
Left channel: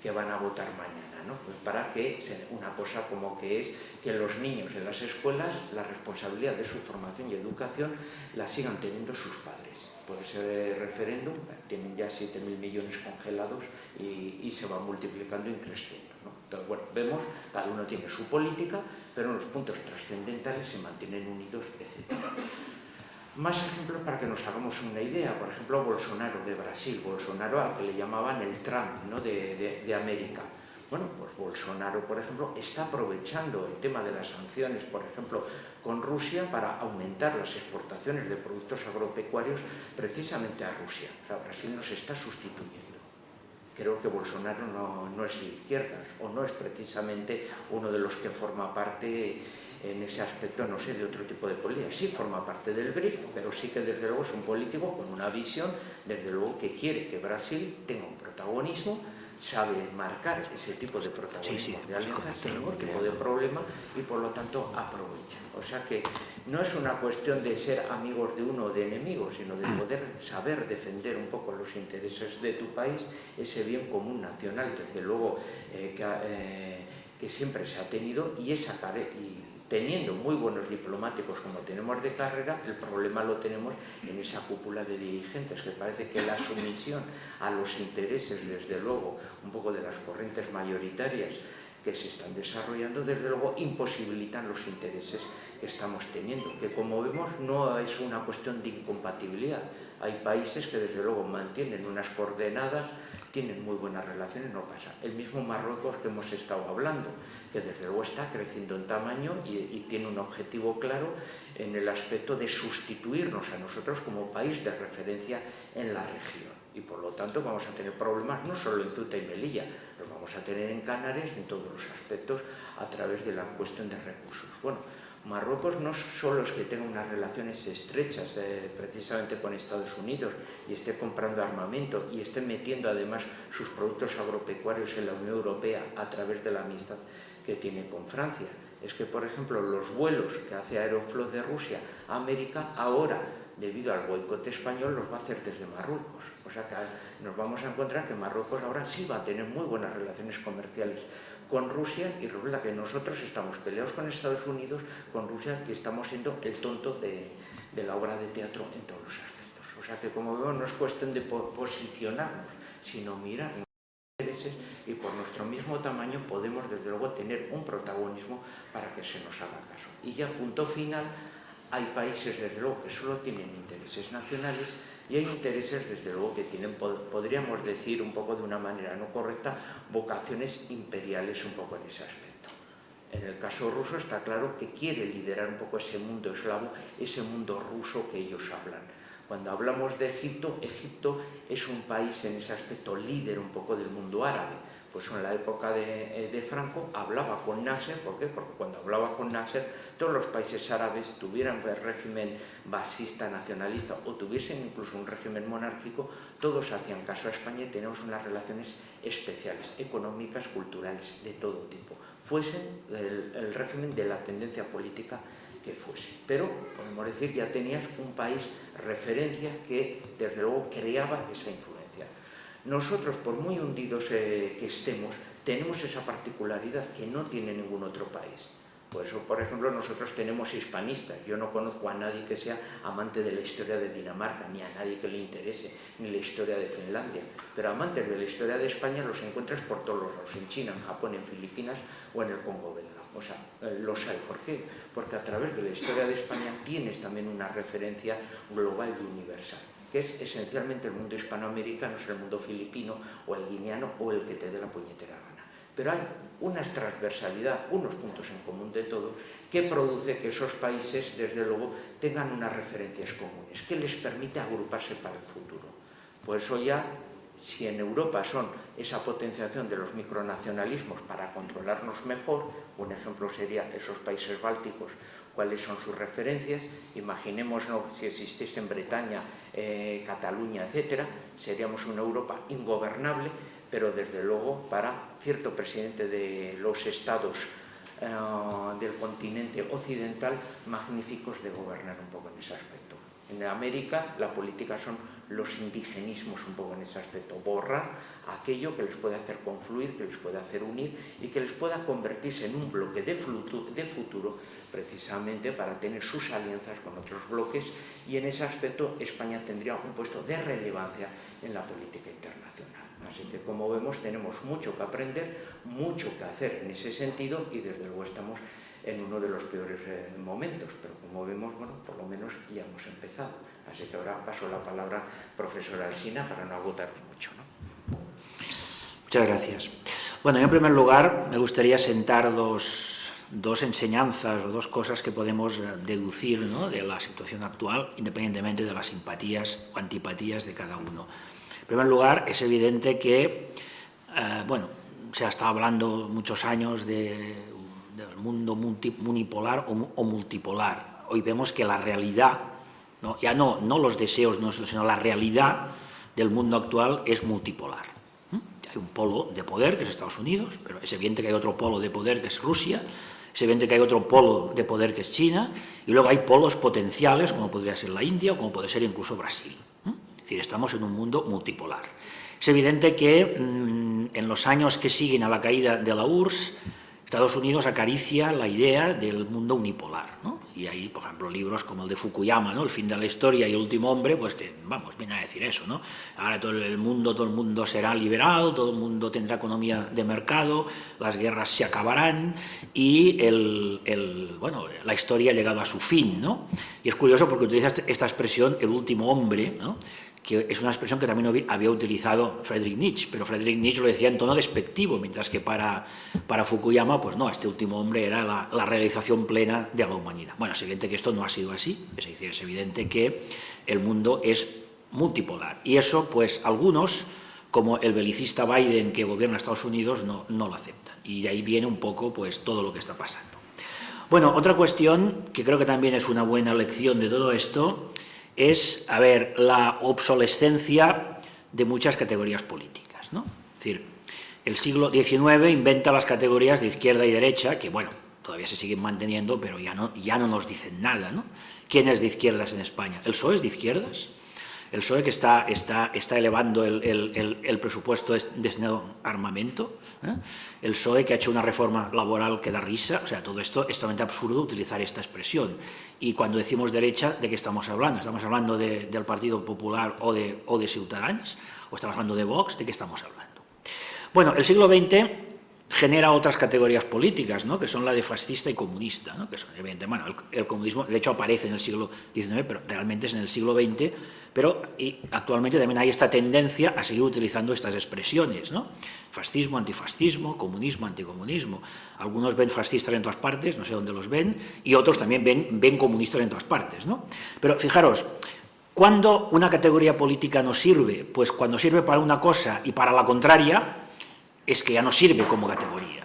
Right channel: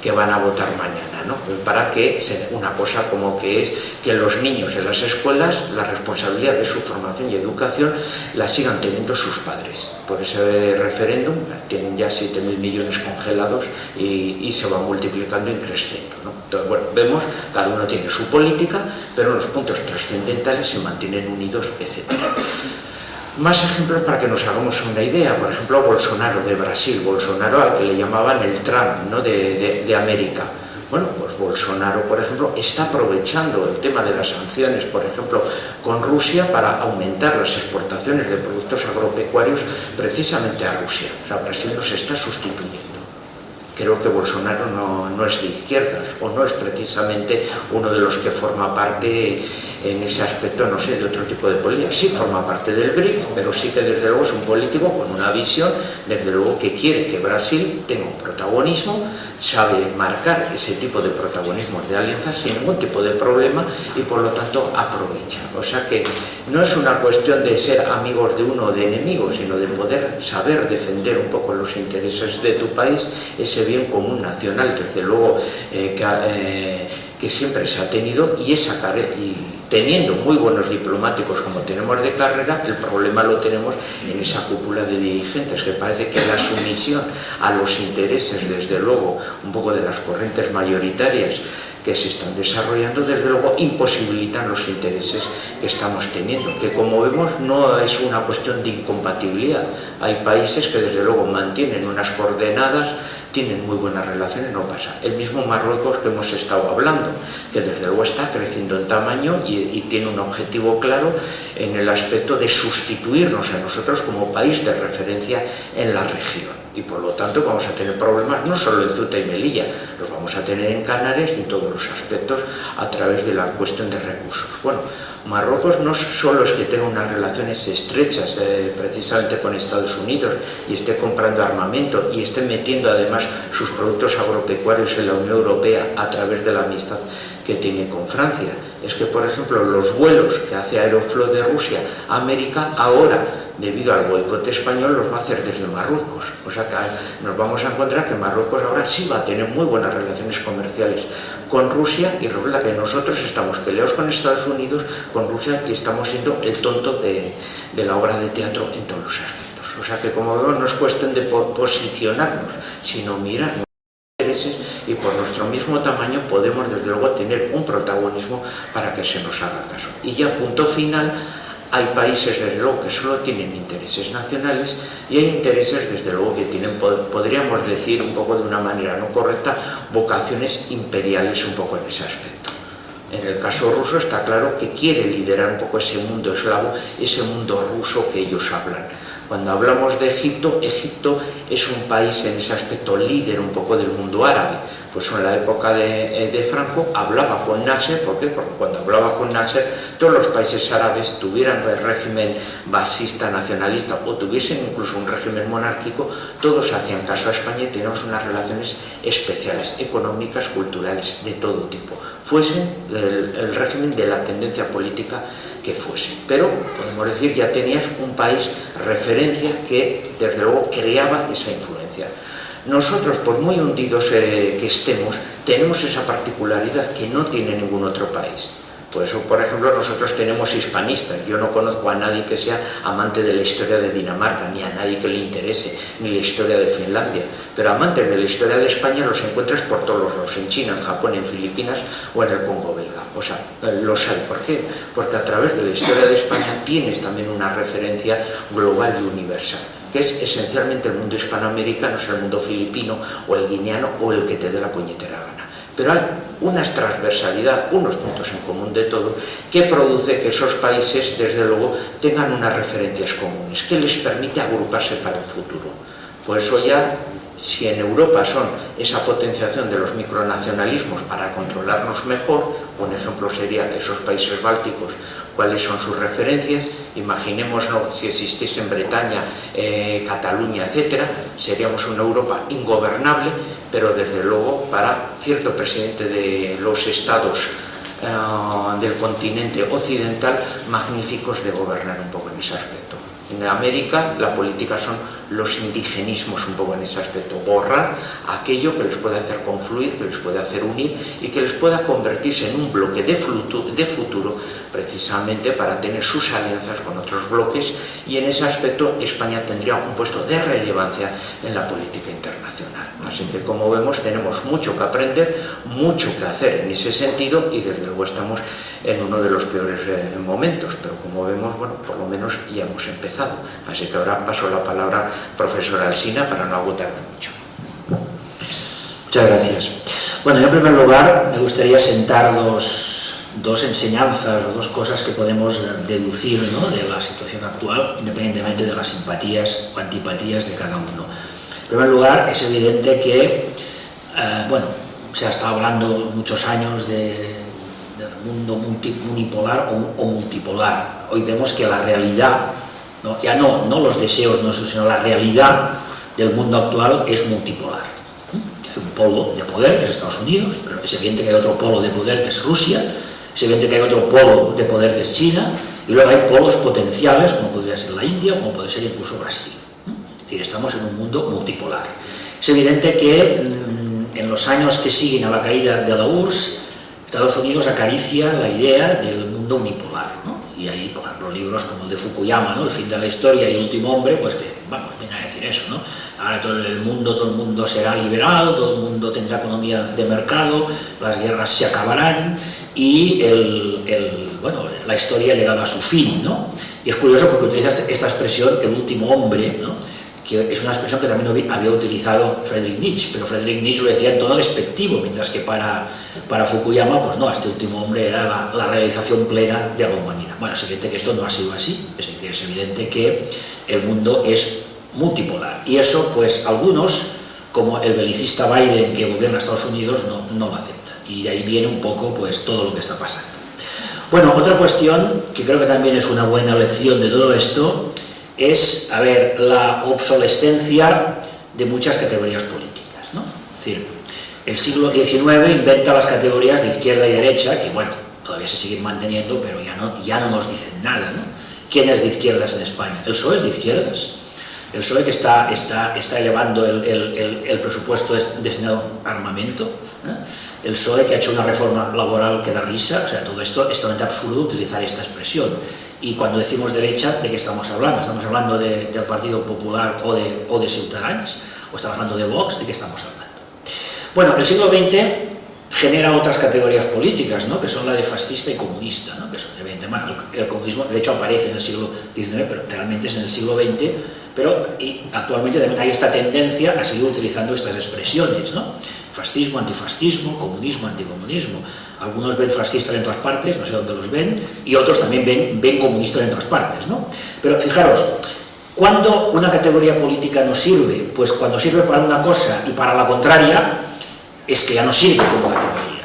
que van a votar mañana, ¿no? Para que una cosa como que es que los niños en las escuelas, la responsabilidad de su formación y educación la sigan teniendo sus padres. Por ese referéndum tienen ya 7.000 millones congelados y se va multiplicando y creciendo, ¿no? Entonces, bueno, vemos, cada uno tiene su política, pero los puntos trascendentales se mantienen unidos, etc. Más ejemplos para que nos hagamos una idea. Por ejemplo, Bolsonaro de Brasil, Bolsonaro al que le llamaban el Trump, ¿no? de América. Bueno, pues Bolsonaro, por ejemplo, está aprovechando el tema de las sanciones, por ejemplo, con Rusia para aumentar las exportaciones de productos agropecuarios precisamente a Rusia. O sea, Brasil nos está sustituyendo. Creo que Bolsonaro no es de izquierdas o no es precisamente uno de los que forma parte en ese aspecto, no sé, de otro tipo de política. Sí forma parte del BRIC, pero sí que desde luego es un político con una visión, desde luego que quiere que Brasil tenga un protagonismo, sabe marcar ese tipo de protagonismos de alianzas sin ningún tipo de problema y por lo tanto aprovecha. O sea que no es una cuestión de ser amigos de uno o de enemigos, sino de poder saber defender un poco los intereses de tu país, ese bien común nacional, desde luego que siempre se ha tenido, y teniendo muy buenos diplomáticos como tenemos de carrera, el problema lo tenemos en esa cúpula de dirigentes, que parece que la sumisión a los intereses, desde luego, un poco de las corrientes mayoritarias que se están desarrollando, desde luego imposibilitan los intereses que estamos teniendo, que como vemos no es una cuestión de incompatibilidad. Hay países que desde luego mantienen unas coordenadas, tienen muy buenas relaciones, no pasa. El mismo Marruecos que hemos estado hablando, que desde luego está creciendo en tamaño y tiene un objetivo claro en el aspecto de sustituirnos a nosotros como país de referencia en la región. Y por lo tanto vamos a tener problemas no solo en Ceuta y Melilla, los vamos a tener en Canarias y en todos los aspectos a través de la cuestión de recursos. Bueno, Marruecos no solo es que tenga unas relaciones estrechas precisamente con Estados Unidos y esté comprando armamento y esté metiendo además sus productos agropecuarios en la Unión Europea a través de la amistad que tiene con Francia. Es que, por ejemplo, los vuelos que hace Aeroflot de Rusia a América ahora, debido al boicot español, los va a hacer desde Marruecos. O sea que nos vamos a encontrar que Marruecos ahora sí va a tener muy buenas relaciones comerciales con Rusia, y resulta que nosotros estamos peleados con Estados Unidos, con Rusia, y estamos siendo el tonto de la obra de teatro en todos los aspectos. O sea que, como vemos, no es cuestión de posicionarnos, sino mirar intereses, y por nuestro mismo tamaño podemos desde luego tener un protagonismo para que se nos haga caso. Y ya punto final, hay países desde luego que solo tienen intereses nacionales y hay intereses desde luego que tienen, podríamos decir un poco de una manera no correcta, vocaciones imperiales un poco en ese aspecto. En el caso ruso está claro que quiere liderar un poco ese mundo eslavo, ese mundo ruso que ellos hablan. Cuando hablamos de Egipto, Egipto es un país en ese aspecto líder un poco del mundo árabe. Pues en la época de Franco hablaba con Nasser. ¿Por qué? Porque cuando hablaba con Nasser, todos los países árabes tuvieran el régimen basista, nacionalista, o tuviesen incluso un régimen monárquico, todos hacían caso a España y teníamos unas relaciones especiales, económicas, culturales, de todo tipo. Fuesen el régimen de la tendencia política que fuese. Pero podemos decir que ya tenías un país referencia que desde luego creaba esa influencia. Nosotros, por muy hundidos que estemos, tenemos esa particularidad que no tiene ningún otro país. Por eso, por ejemplo, nosotros tenemos hispanistas. Yo no conozco a nadie que sea amante de la historia de Dinamarca, ni a nadie que le interese, ni la historia de Finlandia. Pero amantes de la historia de España los encuentras por todos lados, en China, en Japón, en Filipinas o en el Congo belga. O sea, los hay. ¿Por qué? Porque a través de la historia de España tienes también una referencia global y universal, que es esencialmente el mundo hispanoamericano, es el mundo filipino o el guineano o el que te dé la puñetera gana. Pero hay una transversalidad, unos puntos en común de todo, que produce que esos países, desde luego, tengan unas referencias comunes, que les permite agruparse para el futuro. Por eso ya, si en Europa son esa potenciación de los micronacionalismos para controlarnos mejor, un ejemplo sería esos países bálticos, cuáles son sus referencias, imaginémonos si existiese en Bretaña, Cataluña, etcétera, seríamos una Europa ingobernable, pero desde luego para cierto presidente de los estados del continente occidental, magníficos de gobernar un poco en ese aspecto. En América la política son los indigenismos un poco en ese aspecto, borrar aquello que les puede hacer confluir, que les puede hacer unir y que les pueda convertirse en un bloque de futuro precisamente para tener sus alianzas con otros bloques, y en ese aspecto España tendría un puesto de relevancia en la política internacional. Así que, como vemos, tenemos mucho que aprender, mucho que hacer en ese sentido, y desde luego estamos en uno de los peores momentos, pero como vemos, bueno, por lo menos ya hemos empezado. Así que ahora paso la palabra profesor Alsina para no agotarnos mucho. Muchas gracias. Bueno, yo en primer lugar me gustaría sentar dos enseñanzas o dos cosas que podemos deducir, ¿no?, de la situación actual, independientemente de las simpatías o antipatías de cada uno. En primer lugar, es evidente que, bueno, se ha estado hablando muchos años de mundo unipolar o multipolar. Hoy vemos que la realidad, ya no los deseos nuestros, sino la realidad del mundo actual es multipolar. Hay un polo de poder, que es Estados Unidos, pero es evidente que hay otro polo de poder, que es Rusia, es evidente que hay otro polo de poder, que es China, y luego hay polos potenciales, como podría ser la India, como puede ser incluso Brasil. Es decir, estamos en un mundo multipolar. Es evidente que en los años que siguen a la caída de la URSS, Estados Unidos acaricia la idea del mundo unipolar, ¿no? Y hay, por ejemplo, libros como el de Fukuyama, ¿no? El fin de la historia y el último hombre, pues que, vamos, viene a decir eso, ¿no? Ahora todo el mundo será liberal, todo el mundo tendrá economía de mercado, las guerras se acabarán y la historia ha llegado a su fin, ¿no? Y es curioso porque utiliza esta expresión, el último hombre, ¿no? Que es una expresión que también había utilizado Friedrich Nietzsche, pero Friedrich Nietzsche lo decía en tono despectivo, mientras que para Fukuyama, pues no, este último hombre era la realización plena de la humanidad. Bueno, es evidente que esto no ha sido así, es decir, es evidente que el mundo es multipolar, y eso, pues algunos, como el belicista Biden, que gobierna Estados Unidos, no lo aceptan, y de ahí viene un poco, pues, todo lo que está pasando. Bueno, otra cuestión, que creo que también es una buena lección de todo esto, es, la obsolescencia de muchas categorías políticas, ¿no? Es decir, el siglo XIX inventa las categorías de izquierda y derecha, que bueno, todavía se siguen manteniendo, pero ya no nos dicen nada, ¿no? ¿Quién es de izquierdas en España? ¿El PSOE es de izquierdas? El PSOE que está elevando el presupuesto destinado a armamento, ¿eh? El PSOE que ha hecho una reforma laboral que da risa, o sea, todo esto es totalmente absurdo utilizar esta expresión. Y cuando decimos derecha, ¿de qué estamos hablando? ¿Estamos hablando del Partido Popular o de Ciutadans? ¿O estamos hablando de Vox? ¿De qué estamos hablando? Bueno, el siglo XX genera otras categorías políticas, ¿no? Que son la de fascista y comunista, ¿no? Que son, evidentemente, el comunismo de hecho aparece en el siglo XIX, pero realmente es en el siglo XX, y actualmente también hay esta tendencia a seguir utilizando estas expresiones, ¿no? Fascismo, antifascismo, comunismo, anticomunismo. Algunos ven fascistas en todas partes, no sé dónde los ven, y otros también ven comunistas en todas partes, ¿no? Pero fijaros, ¿cuándo una categoría política no sirve? Pues cuando sirve para una cosa y para la contraria, es que ya no sirve como categoría.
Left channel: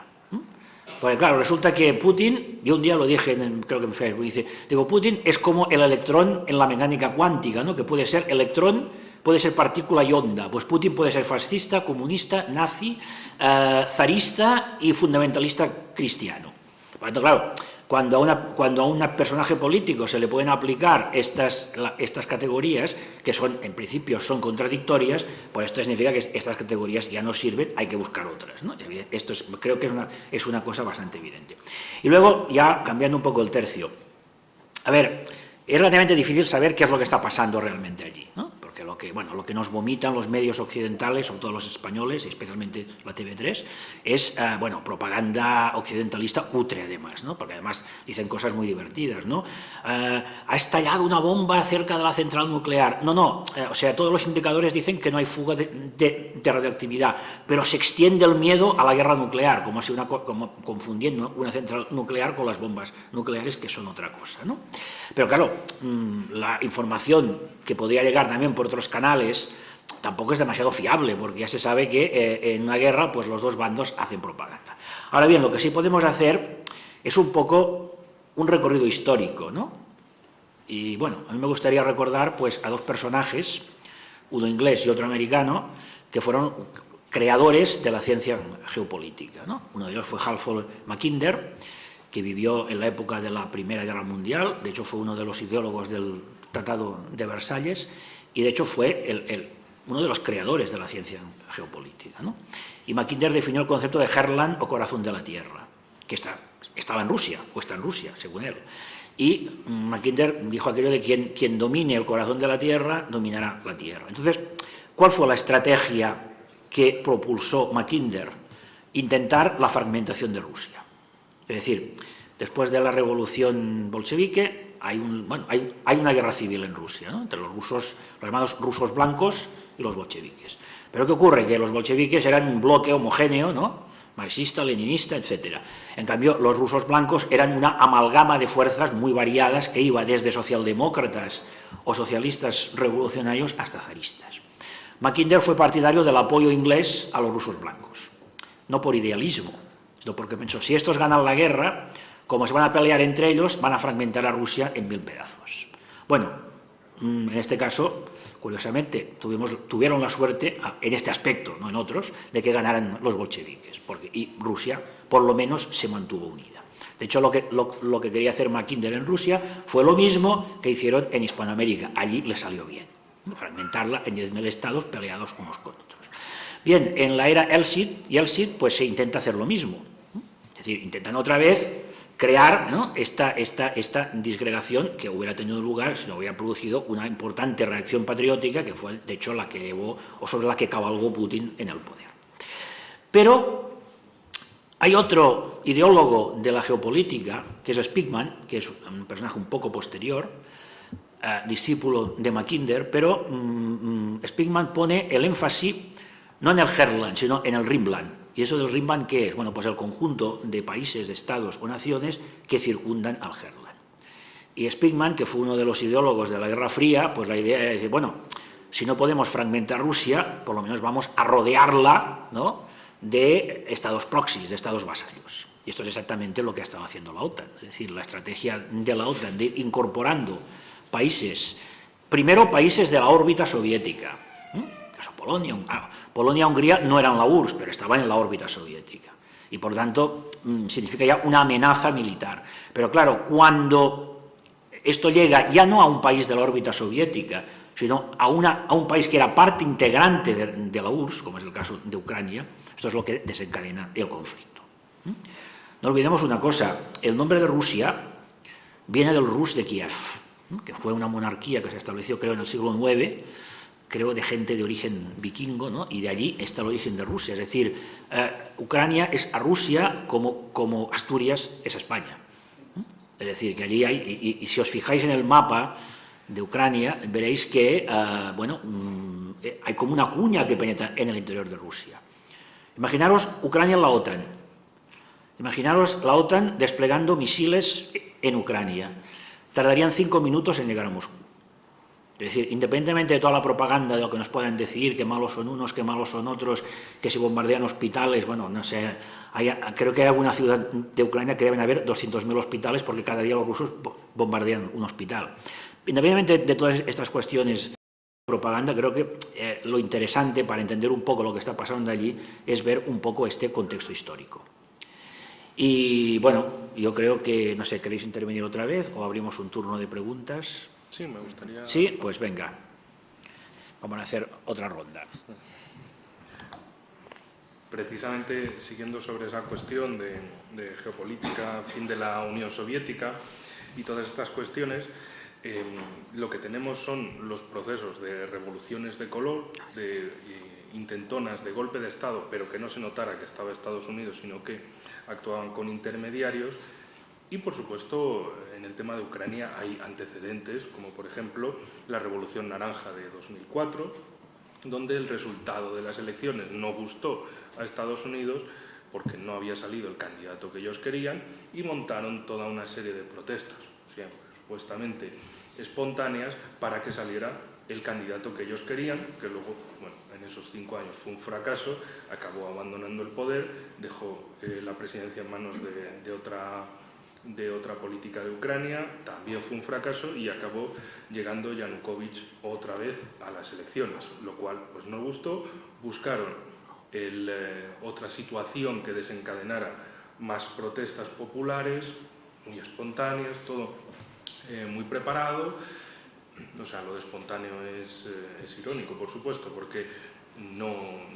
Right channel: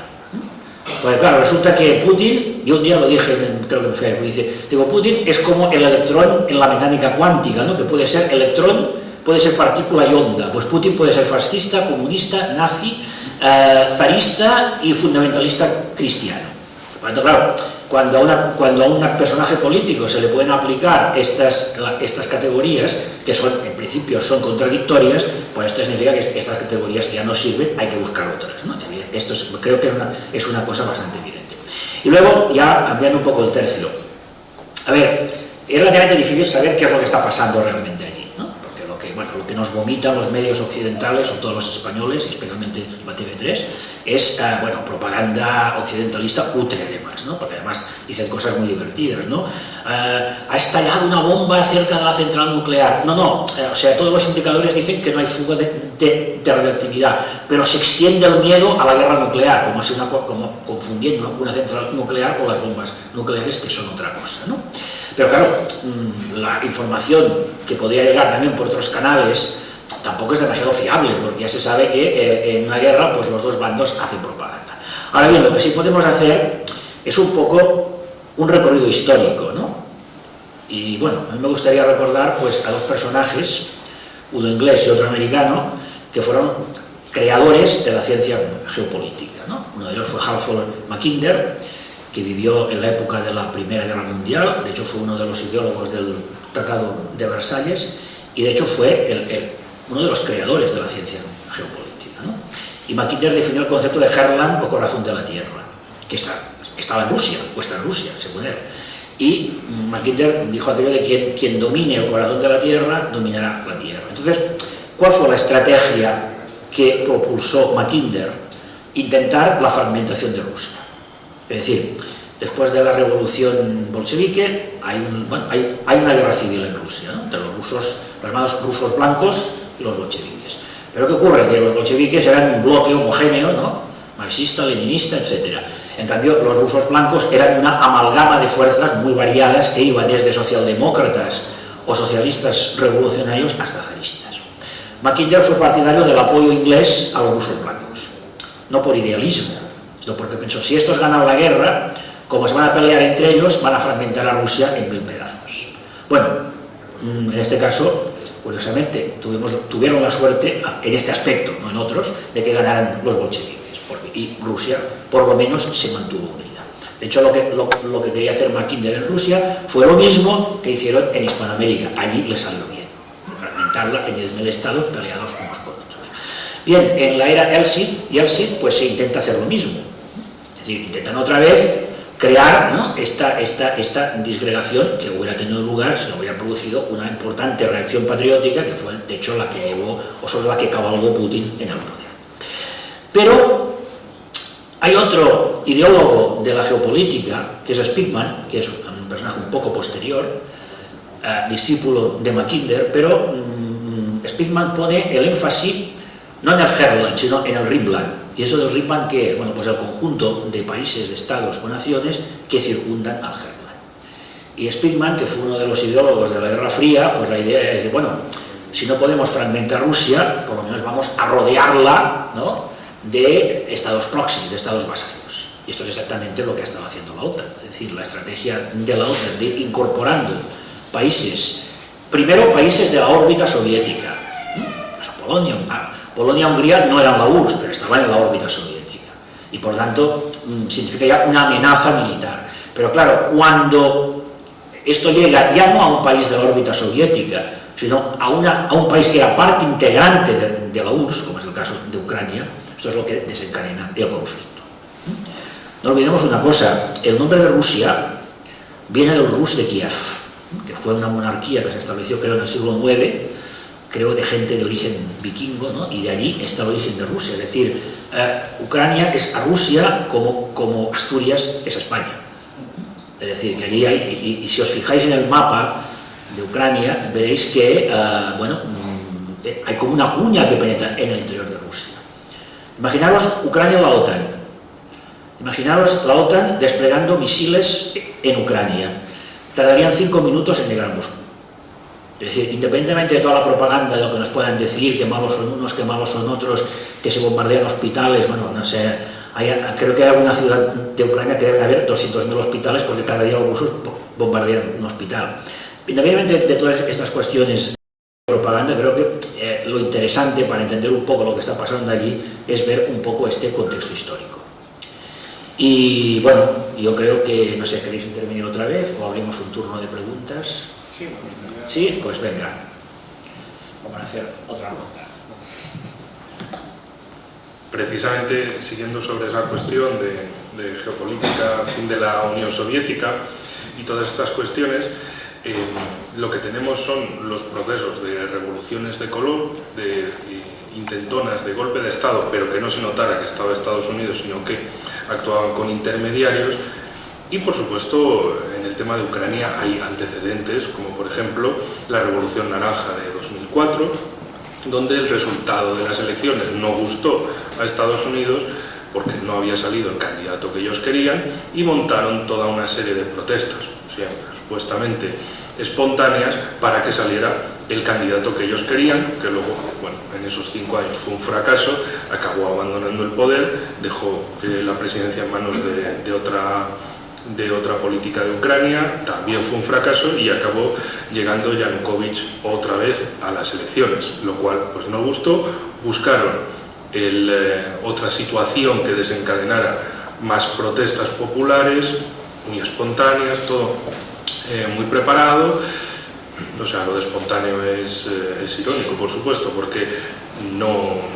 Porque claro, resulta que Putin, yo un día lo dije, creo que en Facebook, Putin es como el electrón en la mecánica cuántica, ¿no? Que puede ser electrón, puede ser partícula y onda. Pues Putin puede ser fascista, comunista, nazi, zarista y fundamentalista cristiano. Claro, cuando a un personaje político se le pueden aplicar estas categorías, que en principio son contradictorias, pues esto significa que estas categorías ya no sirven, hay que buscar otras, ¿no? Esto creo que es una cosa bastante evidente. Y luego, ya cambiando un poco el tercio, es relativamente difícil saber qué es lo que está pasando realmente allí, ¿no? Porque lo que nos vomitan los medios occidentales, o todos los españoles, especialmente la TV3, es propaganda occidentalista cutre, además, ¿no? Porque además dicen cosas muy divertidas, ¿no? Ha estallado una bomba cerca de la central nuclear. No, o sea, todos los indicadores dicen que no hay fuga de radioactividad, pero se extiende el miedo a la guerra nuclear, como confundiendo una central nuclear con las bombas nucleares, que son otra cosa, ¿no? Pero claro, la información que podría llegar también por otros canales tampoco es demasiado fiable, porque ya se sabe que en una guerra, pues los dos bandos hacen propaganda. Ahora bien, lo que sí podemos hacer es un poco un recorrido histórico, ¿no? Y bueno, a mí me gustaría recordar, pues, a dos personajes, uno inglés y otro americano, que fueron creadores de la ciencia geopolítica, ¿no? Uno de ellos fue Halford Mackinder, que vivió en la época de la Primera Guerra Mundial, de hecho fue uno de los ideólogos del Tratado de Versalles, y de hecho fue uno de los creadores de la ciencia geopolítica, ¿no? Y Mackinder definió el concepto de Herland, o corazón de la Tierra, que estaba en Rusia, o está en Rusia, según él. Y Mackinder dijo aquello de quien domine el corazón de la Tierra, dominará la Tierra. Entonces, ¿cuál fue la estrategia que propulsó Mackinder? Intentar la fragmentación de Rusia. Es decir, después de la revolución bolchevique hay una guerra civil en Rusia, ¿no? Entre los llamados rusos blancos y los bolcheviques. Pero ¿qué ocurre? Que los bolcheviques eran un bloque homogéneo, ¿no? Marxista, leninista, etc. En cambio, los rusos blancos eran una amalgama de fuerzas muy variadas que iba desde socialdemócratas o socialistas revolucionarios hasta zaristas. Mackinder fue partidario del apoyo inglés a los rusos blancos, no por idealismo, Esto porque pensó, si estos ganan la guerra, como se van a pelear entre ellos, van a fragmentar a Rusia en 1000 pedazos. Bueno, en este caso, curiosamente, tuvieron la suerte, en este aspecto, no en otros, de que ganaran los bolcheviques, y Rusia, por lo menos, se mantuvo unida. De hecho, lo que quería hacer Mackinder en Rusia fue lo mismo que hicieron en Hispanoamérica. Allí le salió bien, fragmentarla en 10.000 estados peleados unos con otros. Bien, en la era Yeltsin, pues se intenta hacer lo mismo. Es decir, intentan otra vez crear, ¿no?, esta disgregación que hubiera tenido lugar si no hubiera producido una importante reacción patriótica, que fue, de hecho, la que cabalgó Putin en el poder. Pero hay otro ideólogo de la geopolítica, que es Spigman, que es un personaje un poco posterior, discípulo de Mackinder, pero Spigman pone el énfasis no en el Herland, sino en el Rhineland. ¿Y eso del Rhineland qué es? Bueno, pues el conjunto de países, de estados o naciones que circundan al Herland. Y Spigman, que fue uno de los ideólogos de la Guerra Fría, pues la idea es de, bueno, si no podemos fragmentar Rusia, por lo menos vamos a rodearla, ¿no?, de estados próximos, de estados vasallos. Y esto es exactamente lo que ha estado haciendo la OTAN. Es decir, la estrategia de la OTAN de ir incorporando países, primero países de la órbita soviética, caso Polonia, Polonia-Hungría no eran la URSS, pero estaban en la órbita soviética. Y por lo tanto, significa ya una amenaza militar. Pero claro, cuando esto llega ya no a un país de la órbita soviética, sino a un país que era parte integrante de la URSS, como es el caso de Ucrania, esto es lo que desencadena el conflicto. No olvidemos una cosa, el nombre de Rusia viene del Rus de Kiev, que fue una monarquía que se estableció, creo, en el siglo IX, creo, de gente de origen vikingo, ¿no?, y de allí está el origen de Rusia. Es decir, Ucrania es a Rusia como Asturias es a España. Es decir, que allí hay, y si os fijáis en el mapa de Ucrania, veréis que, hay como una cuña que penetra en el interior de Rusia. Imaginaros Ucrania en la OTAN. Imaginaros la OTAN desplegando misiles en Ucrania. Tardarían 5 minutos en llegar a Moscú. Es decir, independientemente de toda la propaganda, de lo que nos puedan decir, que malos son unos, que malos son otros, que se bombardean hospitales, bueno, no sé, creo que hay alguna ciudad de Ucrania que deben haber 200.000 hospitales porque cada día los rusos bombardean un hospital. Independientemente de todas estas cuestiones de propaganda, creo que lo interesante para entender un poco lo que está pasando allí es ver un poco este contexto histórico. Y bueno, yo creo que, no sé, ¿queréis intervenir otra vez o abrimos un turno de preguntas? Sí, me gustaría. Sí, pues venga, vamos a hacer otra ronda. Precisamente siguiendo sobre esa cuestión de geopolítica, fin de la Unión Soviética y todas estas cuestiones, lo que tenemos son los procesos de revoluciones de color, de intentonas de golpe de Estado, pero que no se notara que estaba Estados Unidos, sino que actuaban con intermediarios. Y por supuesto, en el tema de Ucrania hay antecedentes, como por ejemplo la Revolución Naranja de 2004, donde el resultado de las elecciones no gustó a Estados Unidos porque no había salido el candidato que ellos querían y montaron toda una serie de protestas, siempre supuestamente espontáneas, para que saliera el candidato que ellos querían, que luego, bueno, en esos 5 años fue un fracaso, acabó abandonando el poder, dejó la presidencia en manos de otra política de Ucrania, también fue un fracaso y acabó llegando Yanukovych otra vez a las elecciones, lo cual pues no gustó. Buscaron otra situación que desencadenara más protestas populares, muy espontáneas, todo muy preparado. O sea, lo de espontáneo es irónico, por supuesto, porque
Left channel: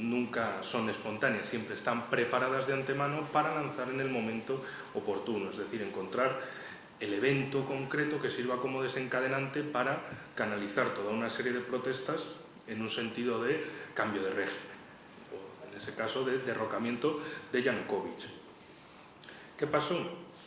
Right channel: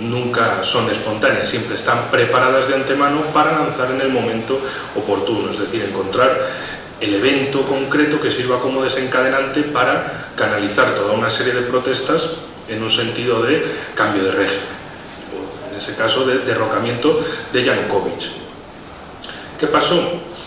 nunca son espontáneas, siempre están preparadas de antemano para lanzar en el momento oportuno, es decir, encontrar el evento concreto que sirva como desencadenante para canalizar toda una serie de protestas en un sentido de cambio de régimen, o en ese caso de derrocamiento de Yanukovych. ¿Qué pasó?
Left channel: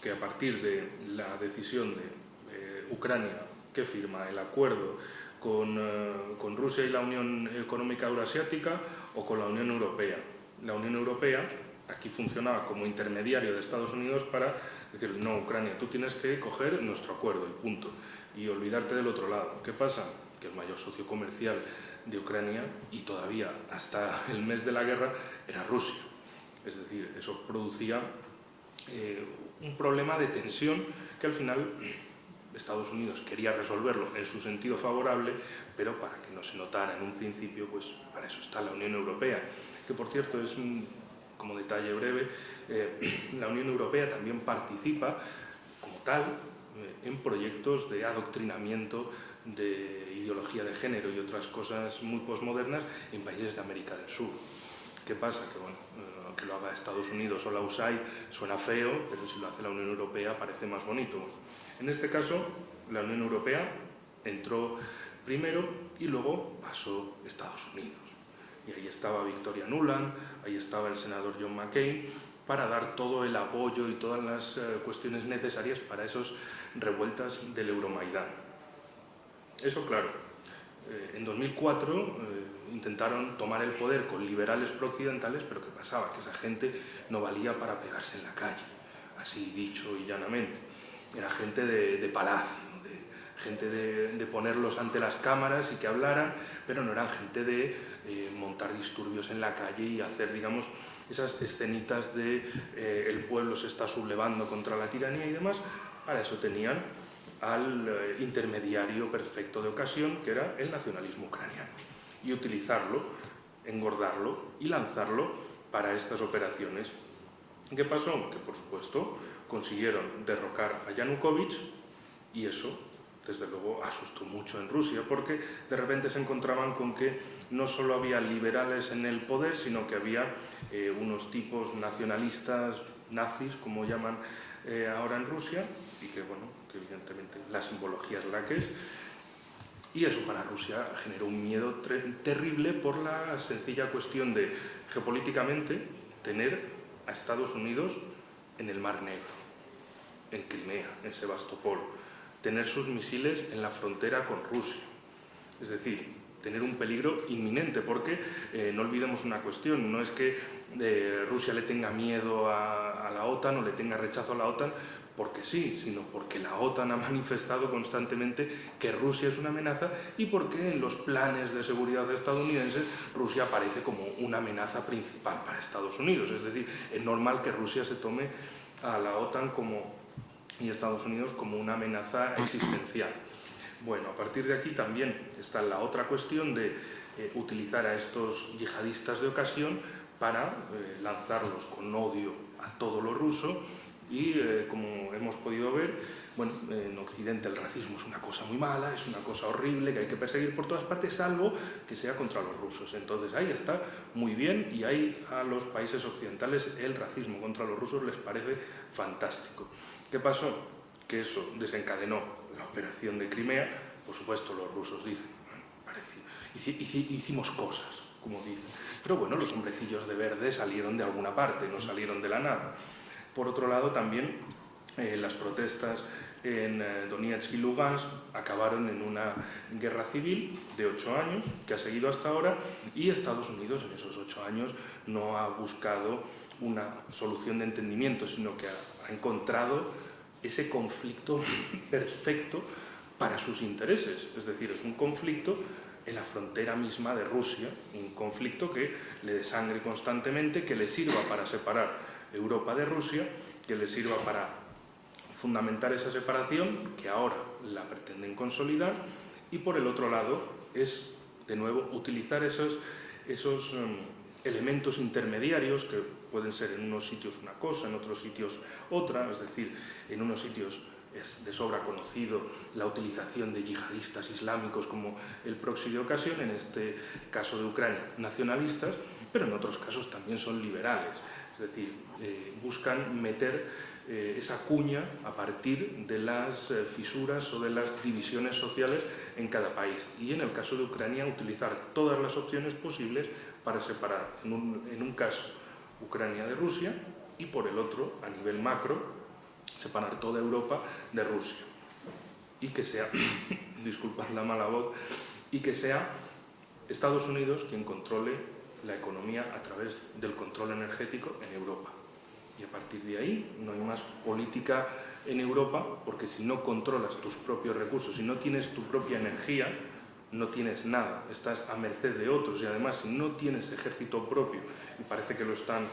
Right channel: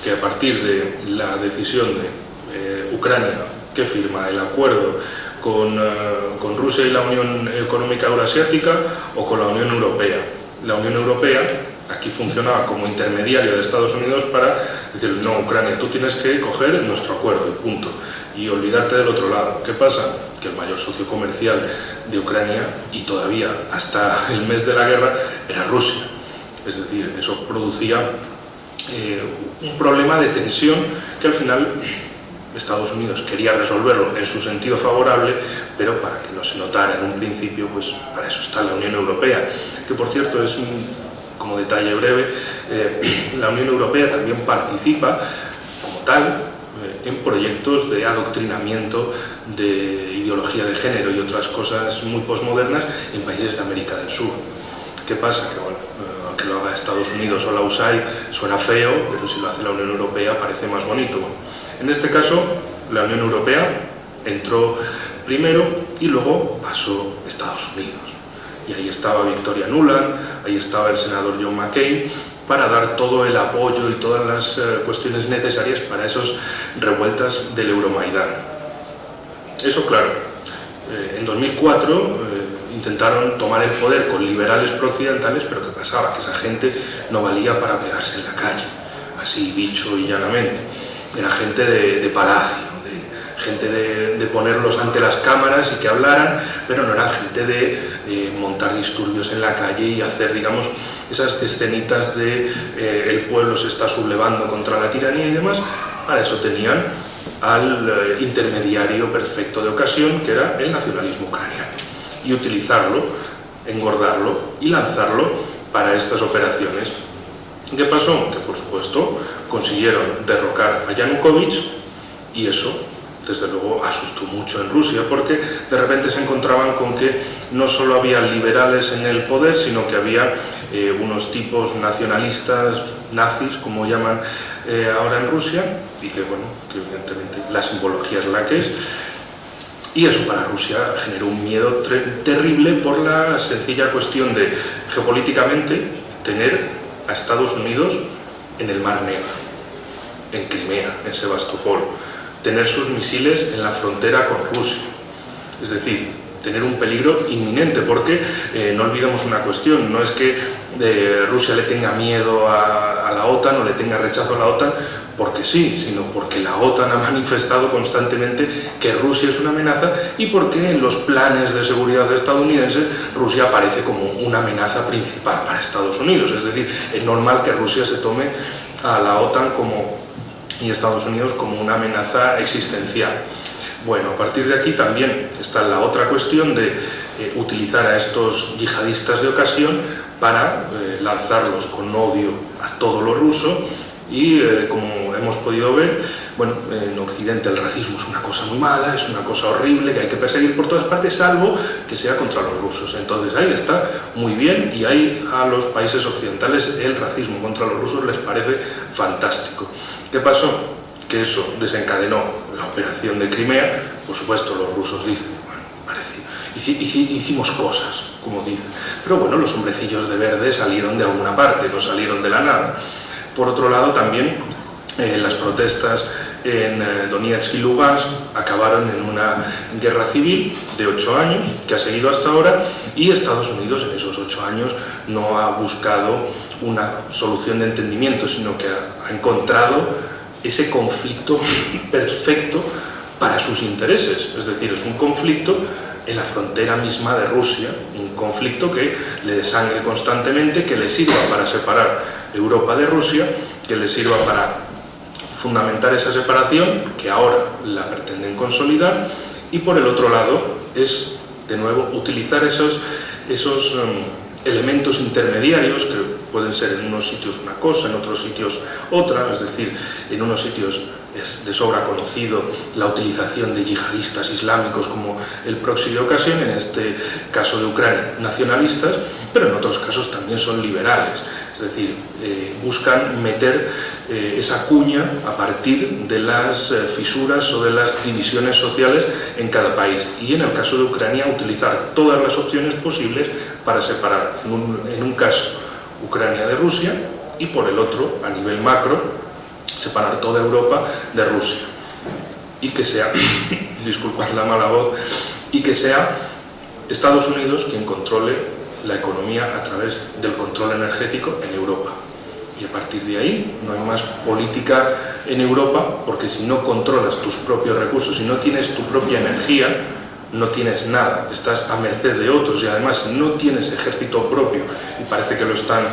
Que a partir de la decisión de Ucrania, que firma el acuerdo con Rusia y la Unión Económica Euroasiática, o con la Unión Europea. La Unión Europea aquí funcionaba como intermediario de Estados Unidos para decir, no, Ucrania, tú tienes que coger nuestro acuerdo, y punto, y olvidarte del otro lado. ¿Qué pasa? Que el mayor socio comercial de Ucrania, y todavía hasta el mes de la guerra, era Rusia. Es decir, eso producía un problema de tensión que al final Estados Unidos quería resolverlo en su sentido favorable, pero para que no se notara en un principio, pues para eso está la Unión Europea, que por cierto es como detalle breve, la Unión Europea también participa como tal en proyectos de adoctrinamiento de ideología de género y otras cosas muy posmodernas en países de América del Sur. ¿Qué pasa? Que bueno, aunque lo haga Estados Unidos o la USAID suena feo, pero si lo hace la Unión Europea parece más bonito. En este caso, la Unión Europea entró primero y luego pasó Estados Unidos. Y ahí estaba Victoria Nuland, ahí estaba el senador John McCain, para dar todo el apoyo y todas las cuestiones necesarias para esas revueltas del Euromaidán. Eso, claro, en 2004 intentaron tomar el poder con liberales prooccidentales, pero ¿qué pasaba? Que esa gente no valía para pegarse en la calle, así dicho y llanamente. Era gente de palacio, gente de ponerlos ante las cámaras y que hablaran, pero no era gente de montar disturbios en la calle y hacer, digamos, esas escenitas de el pueblo se está sublevando contra la tiranía y demás. Para eso tenían al intermediario perfecto de ocasión, que era el nacionalismo ucraniano, y utilizarlo, engordarlo y lanzarlo para estas operaciones. ¿Qué pasó? Que por supuesto consiguieron derrocar a Yanukovych, y eso desde luego asustó mucho en Rusia, porque de repente se encontraban con que no solo había liberales en el poder, sino que había unos tipos nacionalistas, nazis, como llaman ahora en Rusia, y que bueno, que evidentemente la simbología es la que es, y eso para Rusia generó un miedo terrible por la sencilla cuestión de, geopolíticamente, tener a Estados Unidos en el Mar Negro, en Crimea, en Sebastopol, tener sus misiles en la frontera con Rusia, es decir, tener un peligro inminente, porque no olvidemos una cuestión, no es que Rusia le tenga miedo a la OTAN o le tenga rechazo a la OTAN porque sí, sino porque la OTAN ha manifestado constantemente que Rusia es una amenaza, y porque en los planes de seguridad estadounidenses Rusia aparece como una amenaza principal para Estados Unidos. Es decir, es normal que Rusia se tome a la OTAN y Estados Unidos como una amenaza existencial. Bueno, a partir de aquí también está la otra cuestión de utilizar a estos yihadistas de ocasión para lanzarlos con odio a todo lo ruso. Y como hemos podido ver, bueno, en Occidente el racismo es una cosa muy mala, es una cosa horrible que hay que perseguir por todas partes, salvo que sea contra los rusos. Entonces ahí está muy bien, y ahí a los países occidentales el racismo contra los rusos les parece fantástico. ¿Qué pasó? Que eso desencadenó la operación de Crimea. Por supuesto, los rusos dicen, bueno, parece, hicimos cosas, como dicen, pero bueno, los hombrecillos de verde salieron de alguna parte, no salieron de la nada. Por otro lado, también las protestas en Donetsk y Lugansk acabaron en una guerra civil de 8 años, que ha seguido hasta ahora, y Estados Unidos en esos 8 años no ha buscado una solución de entendimiento, sino que ha encontrado ese conflicto perfecto para sus intereses. Es decir, es un conflicto en la frontera misma de Rusia, un conflicto que le desangre constantemente, que le sirva para separar Europa de Rusia, que le sirva para fundamentar esa separación, que ahora la pretenden consolidar, y por el otro lado es, de nuevo, utilizar esos elementos intermediarios, que pueden ser en unos sitios una cosa, en otros sitios otra. Es decir, en unos sitios es de sobra conocido la utilización de yihadistas islámicos como el proxy de ocasión, en este caso de Ucrania, nacionalistas, pero en otros casos también son liberales. Es decir, buscan meter esa cuña a partir de las fisuras o de las divisiones sociales en cada país. Y en el caso de Ucrania, utilizar todas las opciones posibles para separar, en un caso, Ucrania de Rusia, y por el otro, a nivel macro, separar toda Europa de Rusia. Y que sea, disculpad la mala voz, y que sea Estados Unidos quien controle la economía a través del control energético en Europa. Y a partir de ahí no hay más política en Europa, porque si no controlas tus propios recursos, si no tienes tu propia energía, no tienes nada, estás a merced de otros y además no tienes ejército propio y parece que lo están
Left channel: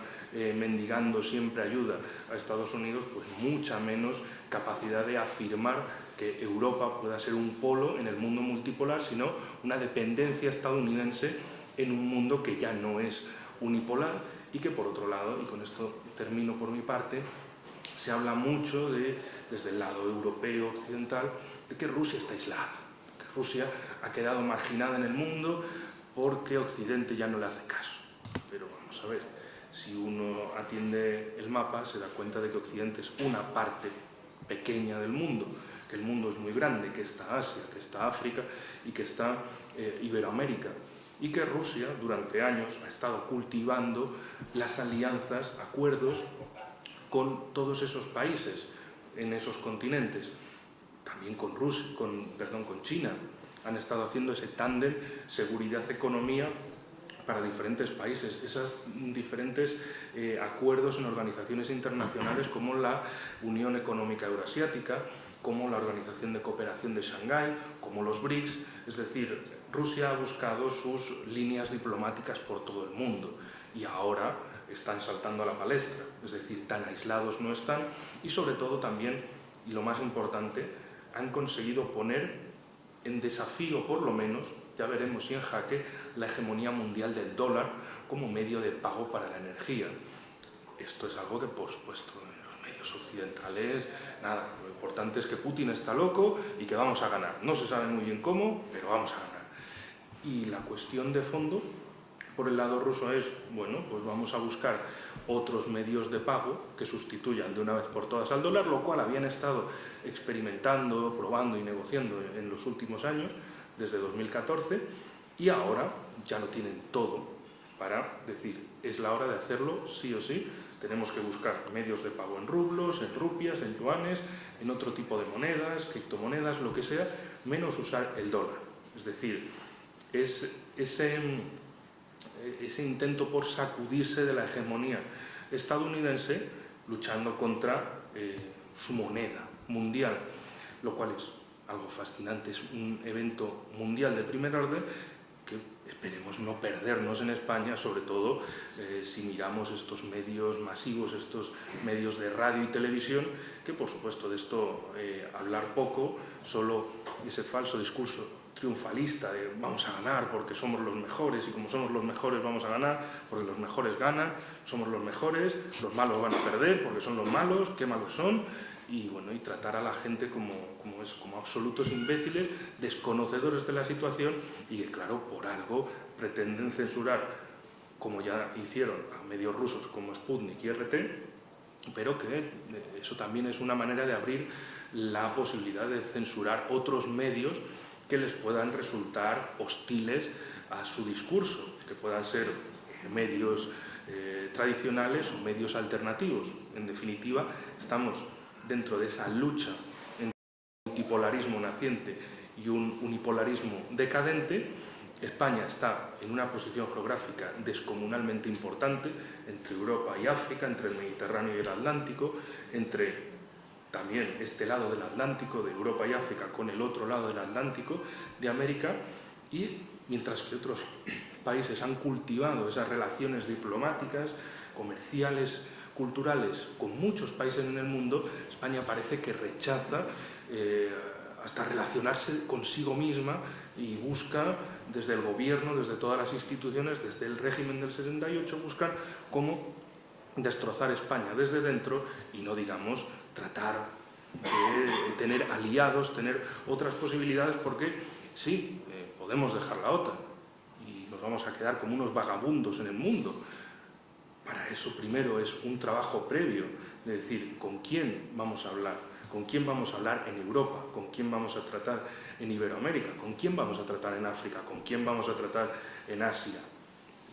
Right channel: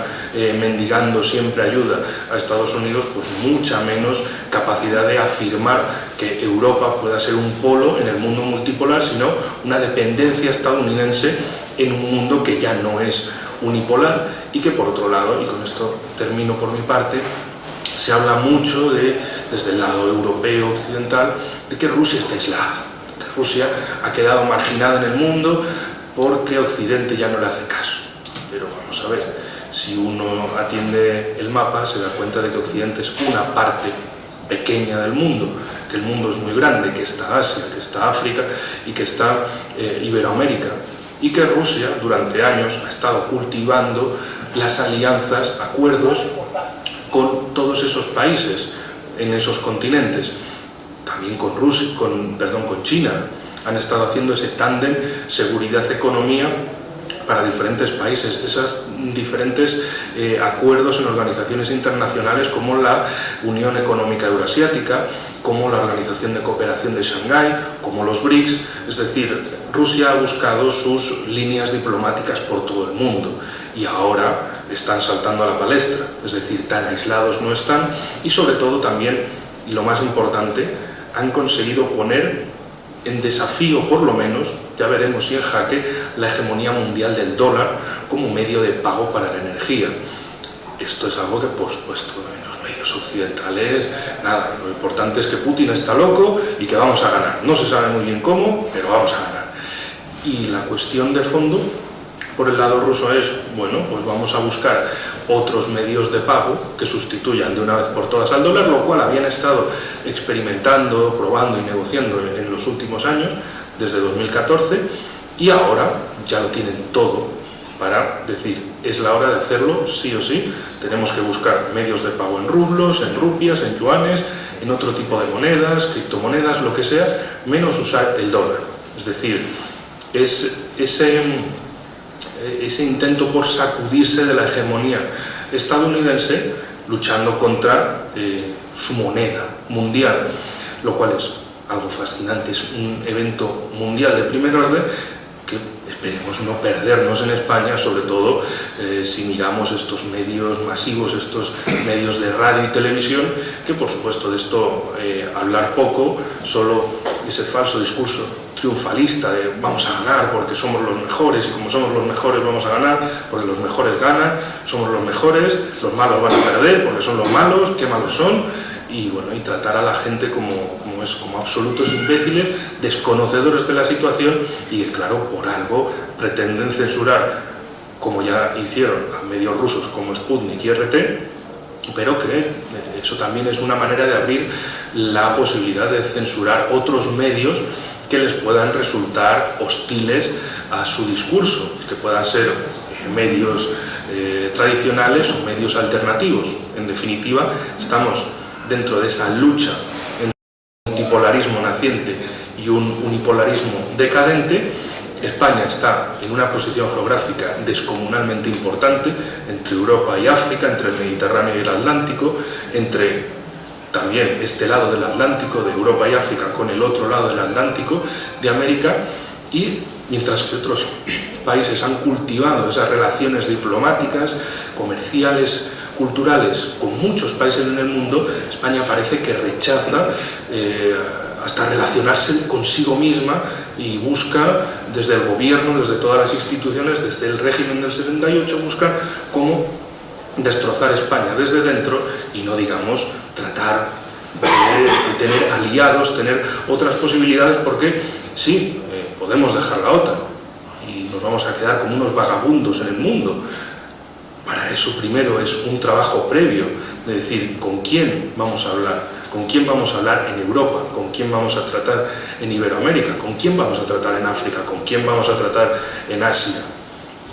mendigando siempre ayuda a Estados Unidos, pues mucha menos capacidad de afirmar que Europa pueda ser un polo en el mundo multipolar, sino una dependencia estadounidense en un mundo que ya no es unipolar y que, por otro lado, y con esto termino por mi parte, se habla mucho desde el lado europeo occidental de que Rusia está aislada, que Rusia ha quedado marginada en el mundo porque Occidente ya no le hace caso. Pero vamos a ver, si uno atiende el mapa se da cuenta de que Occidente es una parte pequeña del mundo, que el mundo es muy grande, que está Asia, que está África y que está Iberoamérica, y que Rusia durante años ha estado cultivando las alianzas, acuerdos con todos esos países en esos continentes, también con China. Han estado haciendo ese tándem seguridad-economía para diferentes países, esos diferentes acuerdos en organizaciones internacionales como la Unión Económica Euroasiática, como la Organización de Cooperación de Shanghái, como los BRICS. Es decir, Rusia ha buscado sus líneas diplomáticas por todo el mundo y ahora están saltando a la palestra, es decir, tan aislados no están y sobre todo también, y lo más importante, han conseguido poner en desafío, por lo menos, ya veremos si en jaque, la hegemonía mundial del dólar como medio de pago para la energía. Esto es algo que, por supuesto, en los medios occidentales, nada, lo importante es que Putin está loco y que vamos a ganar. No se sabe muy bien cómo, pero vamos a ganar. Y la cuestión de fondo, por el lado ruso, es, bueno, pues vamos a buscar otros medios de pago que sustituyan de una vez por todas al dólar, lo cual habían estado experimentando, probando y negociando en los últimos años, desde 2014, y ahora ya lo tienen todo para decir, es la hora de hacerlo sí o sí. Tenemos que buscar medios de pago en rublos, en rupias, en yuanes, en otro tipo de monedas, criptomonedas, lo que sea, menos usar el dólar. Es decir, es ese intento por sacudirse de la hegemonía estadounidense luchando contra su moneda mundial, lo cual es algo fascinante, es un evento mundial de primer orden que esperemos no perdernos en España, sobre todo si miramos estos medios masivos, estos medios de radio y televisión, que por supuesto de esto hablar poco, solo ese falso discurso triunfalista de vamos a ganar porque somos los mejores y como somos los mejores vamos a ganar porque los mejores ganan, somos los mejores, los malos van a perder porque son los malos, qué malos son, y bueno, y tratar a la gente como absolutos imbéciles, desconocedores de la situación y que claro, por algo pretenden censurar, como ya hicieron a medios rusos como Sputnik y RT, pero que eso también es una manera de abrir la posibilidad de censurar otros medios que les puedan resultar hostiles a su discurso, que puedan ser medios tradicionales o medios alternativos. En definitiva, estamos dentro de esa lucha entre un multipolarismo naciente y un unipolarismo decadente. España está en una posición geográfica descomunalmente importante entre Europa y África, entre el Mediterráneo y el Atlántico, entre también este lado del Atlántico, de Europa y África, con el otro lado del Atlántico, de América, y mientras que otros países han cultivado esas relaciones diplomáticas, comerciales, culturales, con muchos países en el mundo, España parece que rechaza hasta relacionarse consigo misma y busca desde el gobierno, desde todas las instituciones, desde el régimen del 78, buscar cómo destrozar España desde dentro y no digamos tratar de tener aliados, tener otras posibilidades, porque sí, podemos dejar la OTAN y nos vamos a quedar como unos vagabundos en el mundo. Para eso primero es un trabajo previo de decir con quién vamos a hablar, con quién vamos a hablar en Europa, con quién vamos a tratar en Iberoamérica, con quién vamos a tratar en África, con quién vamos a tratar en Asia.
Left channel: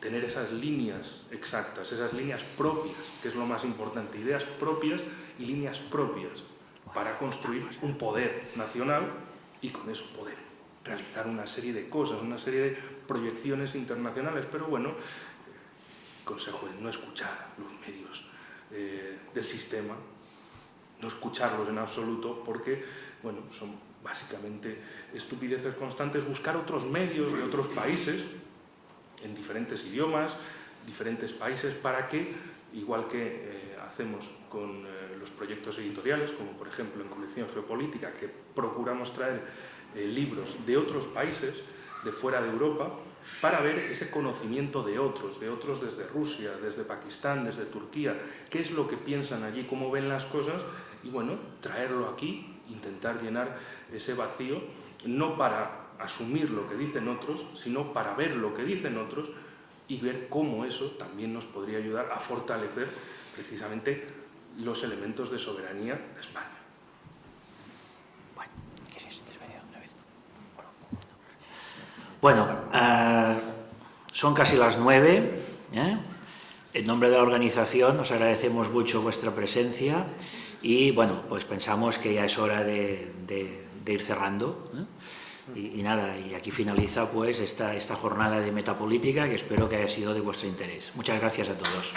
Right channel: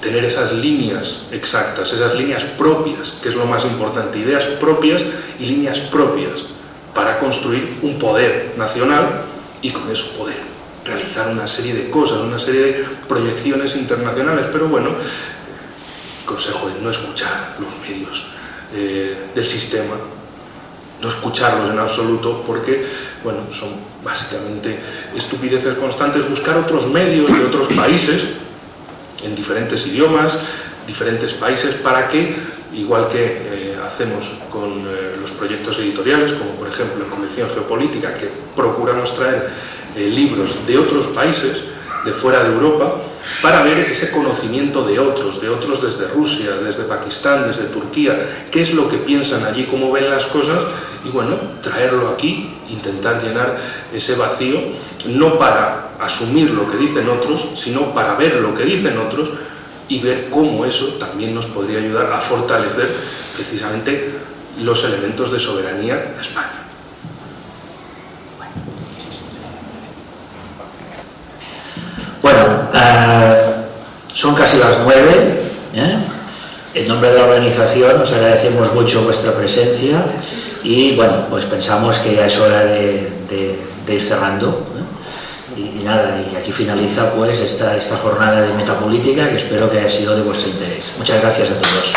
Tener esas líneas exactas, esas líneas propias, que es lo más importante, ideas propias y líneas propias para construir un poder nacional y con eso poder realizar una serie de cosas, una serie de proyecciones internacionales. Pero bueno, consejo es no escuchar los medios del sistema, no escucharlos en absoluto, porque bueno, son básicamente estupideces constantes. Buscar otros medios de otros países en diferentes idiomas, diferentes países, para que, igual que hacemos con los proyectos editoriales, como por ejemplo en Convención Geopolítica, que procuramos traer libros de otros países, de fuera de Europa, para ver ese conocimiento de otros desde Rusia, desde Pakistán, desde Turquía, qué es lo que piensan allí, cómo ven las cosas, y bueno, traerlo aquí, intentar llenar ese vacío, no para asumir lo que dicen otros, sino para ver lo que dicen otros y ver cómo eso también nos podría ayudar a fortalecer precisamente los elementos de soberanía de España. Bueno, son casi las 9. En nombre de la organización os agradecemos mucho vuestra presencia y bueno, pues pensamos que ya es hora de ir cerrando, ¿no? Y nada, y aquí finaliza pues esta jornada de metapolítica, que espero que haya sido de vuestro interés. Muchas gracias a todos.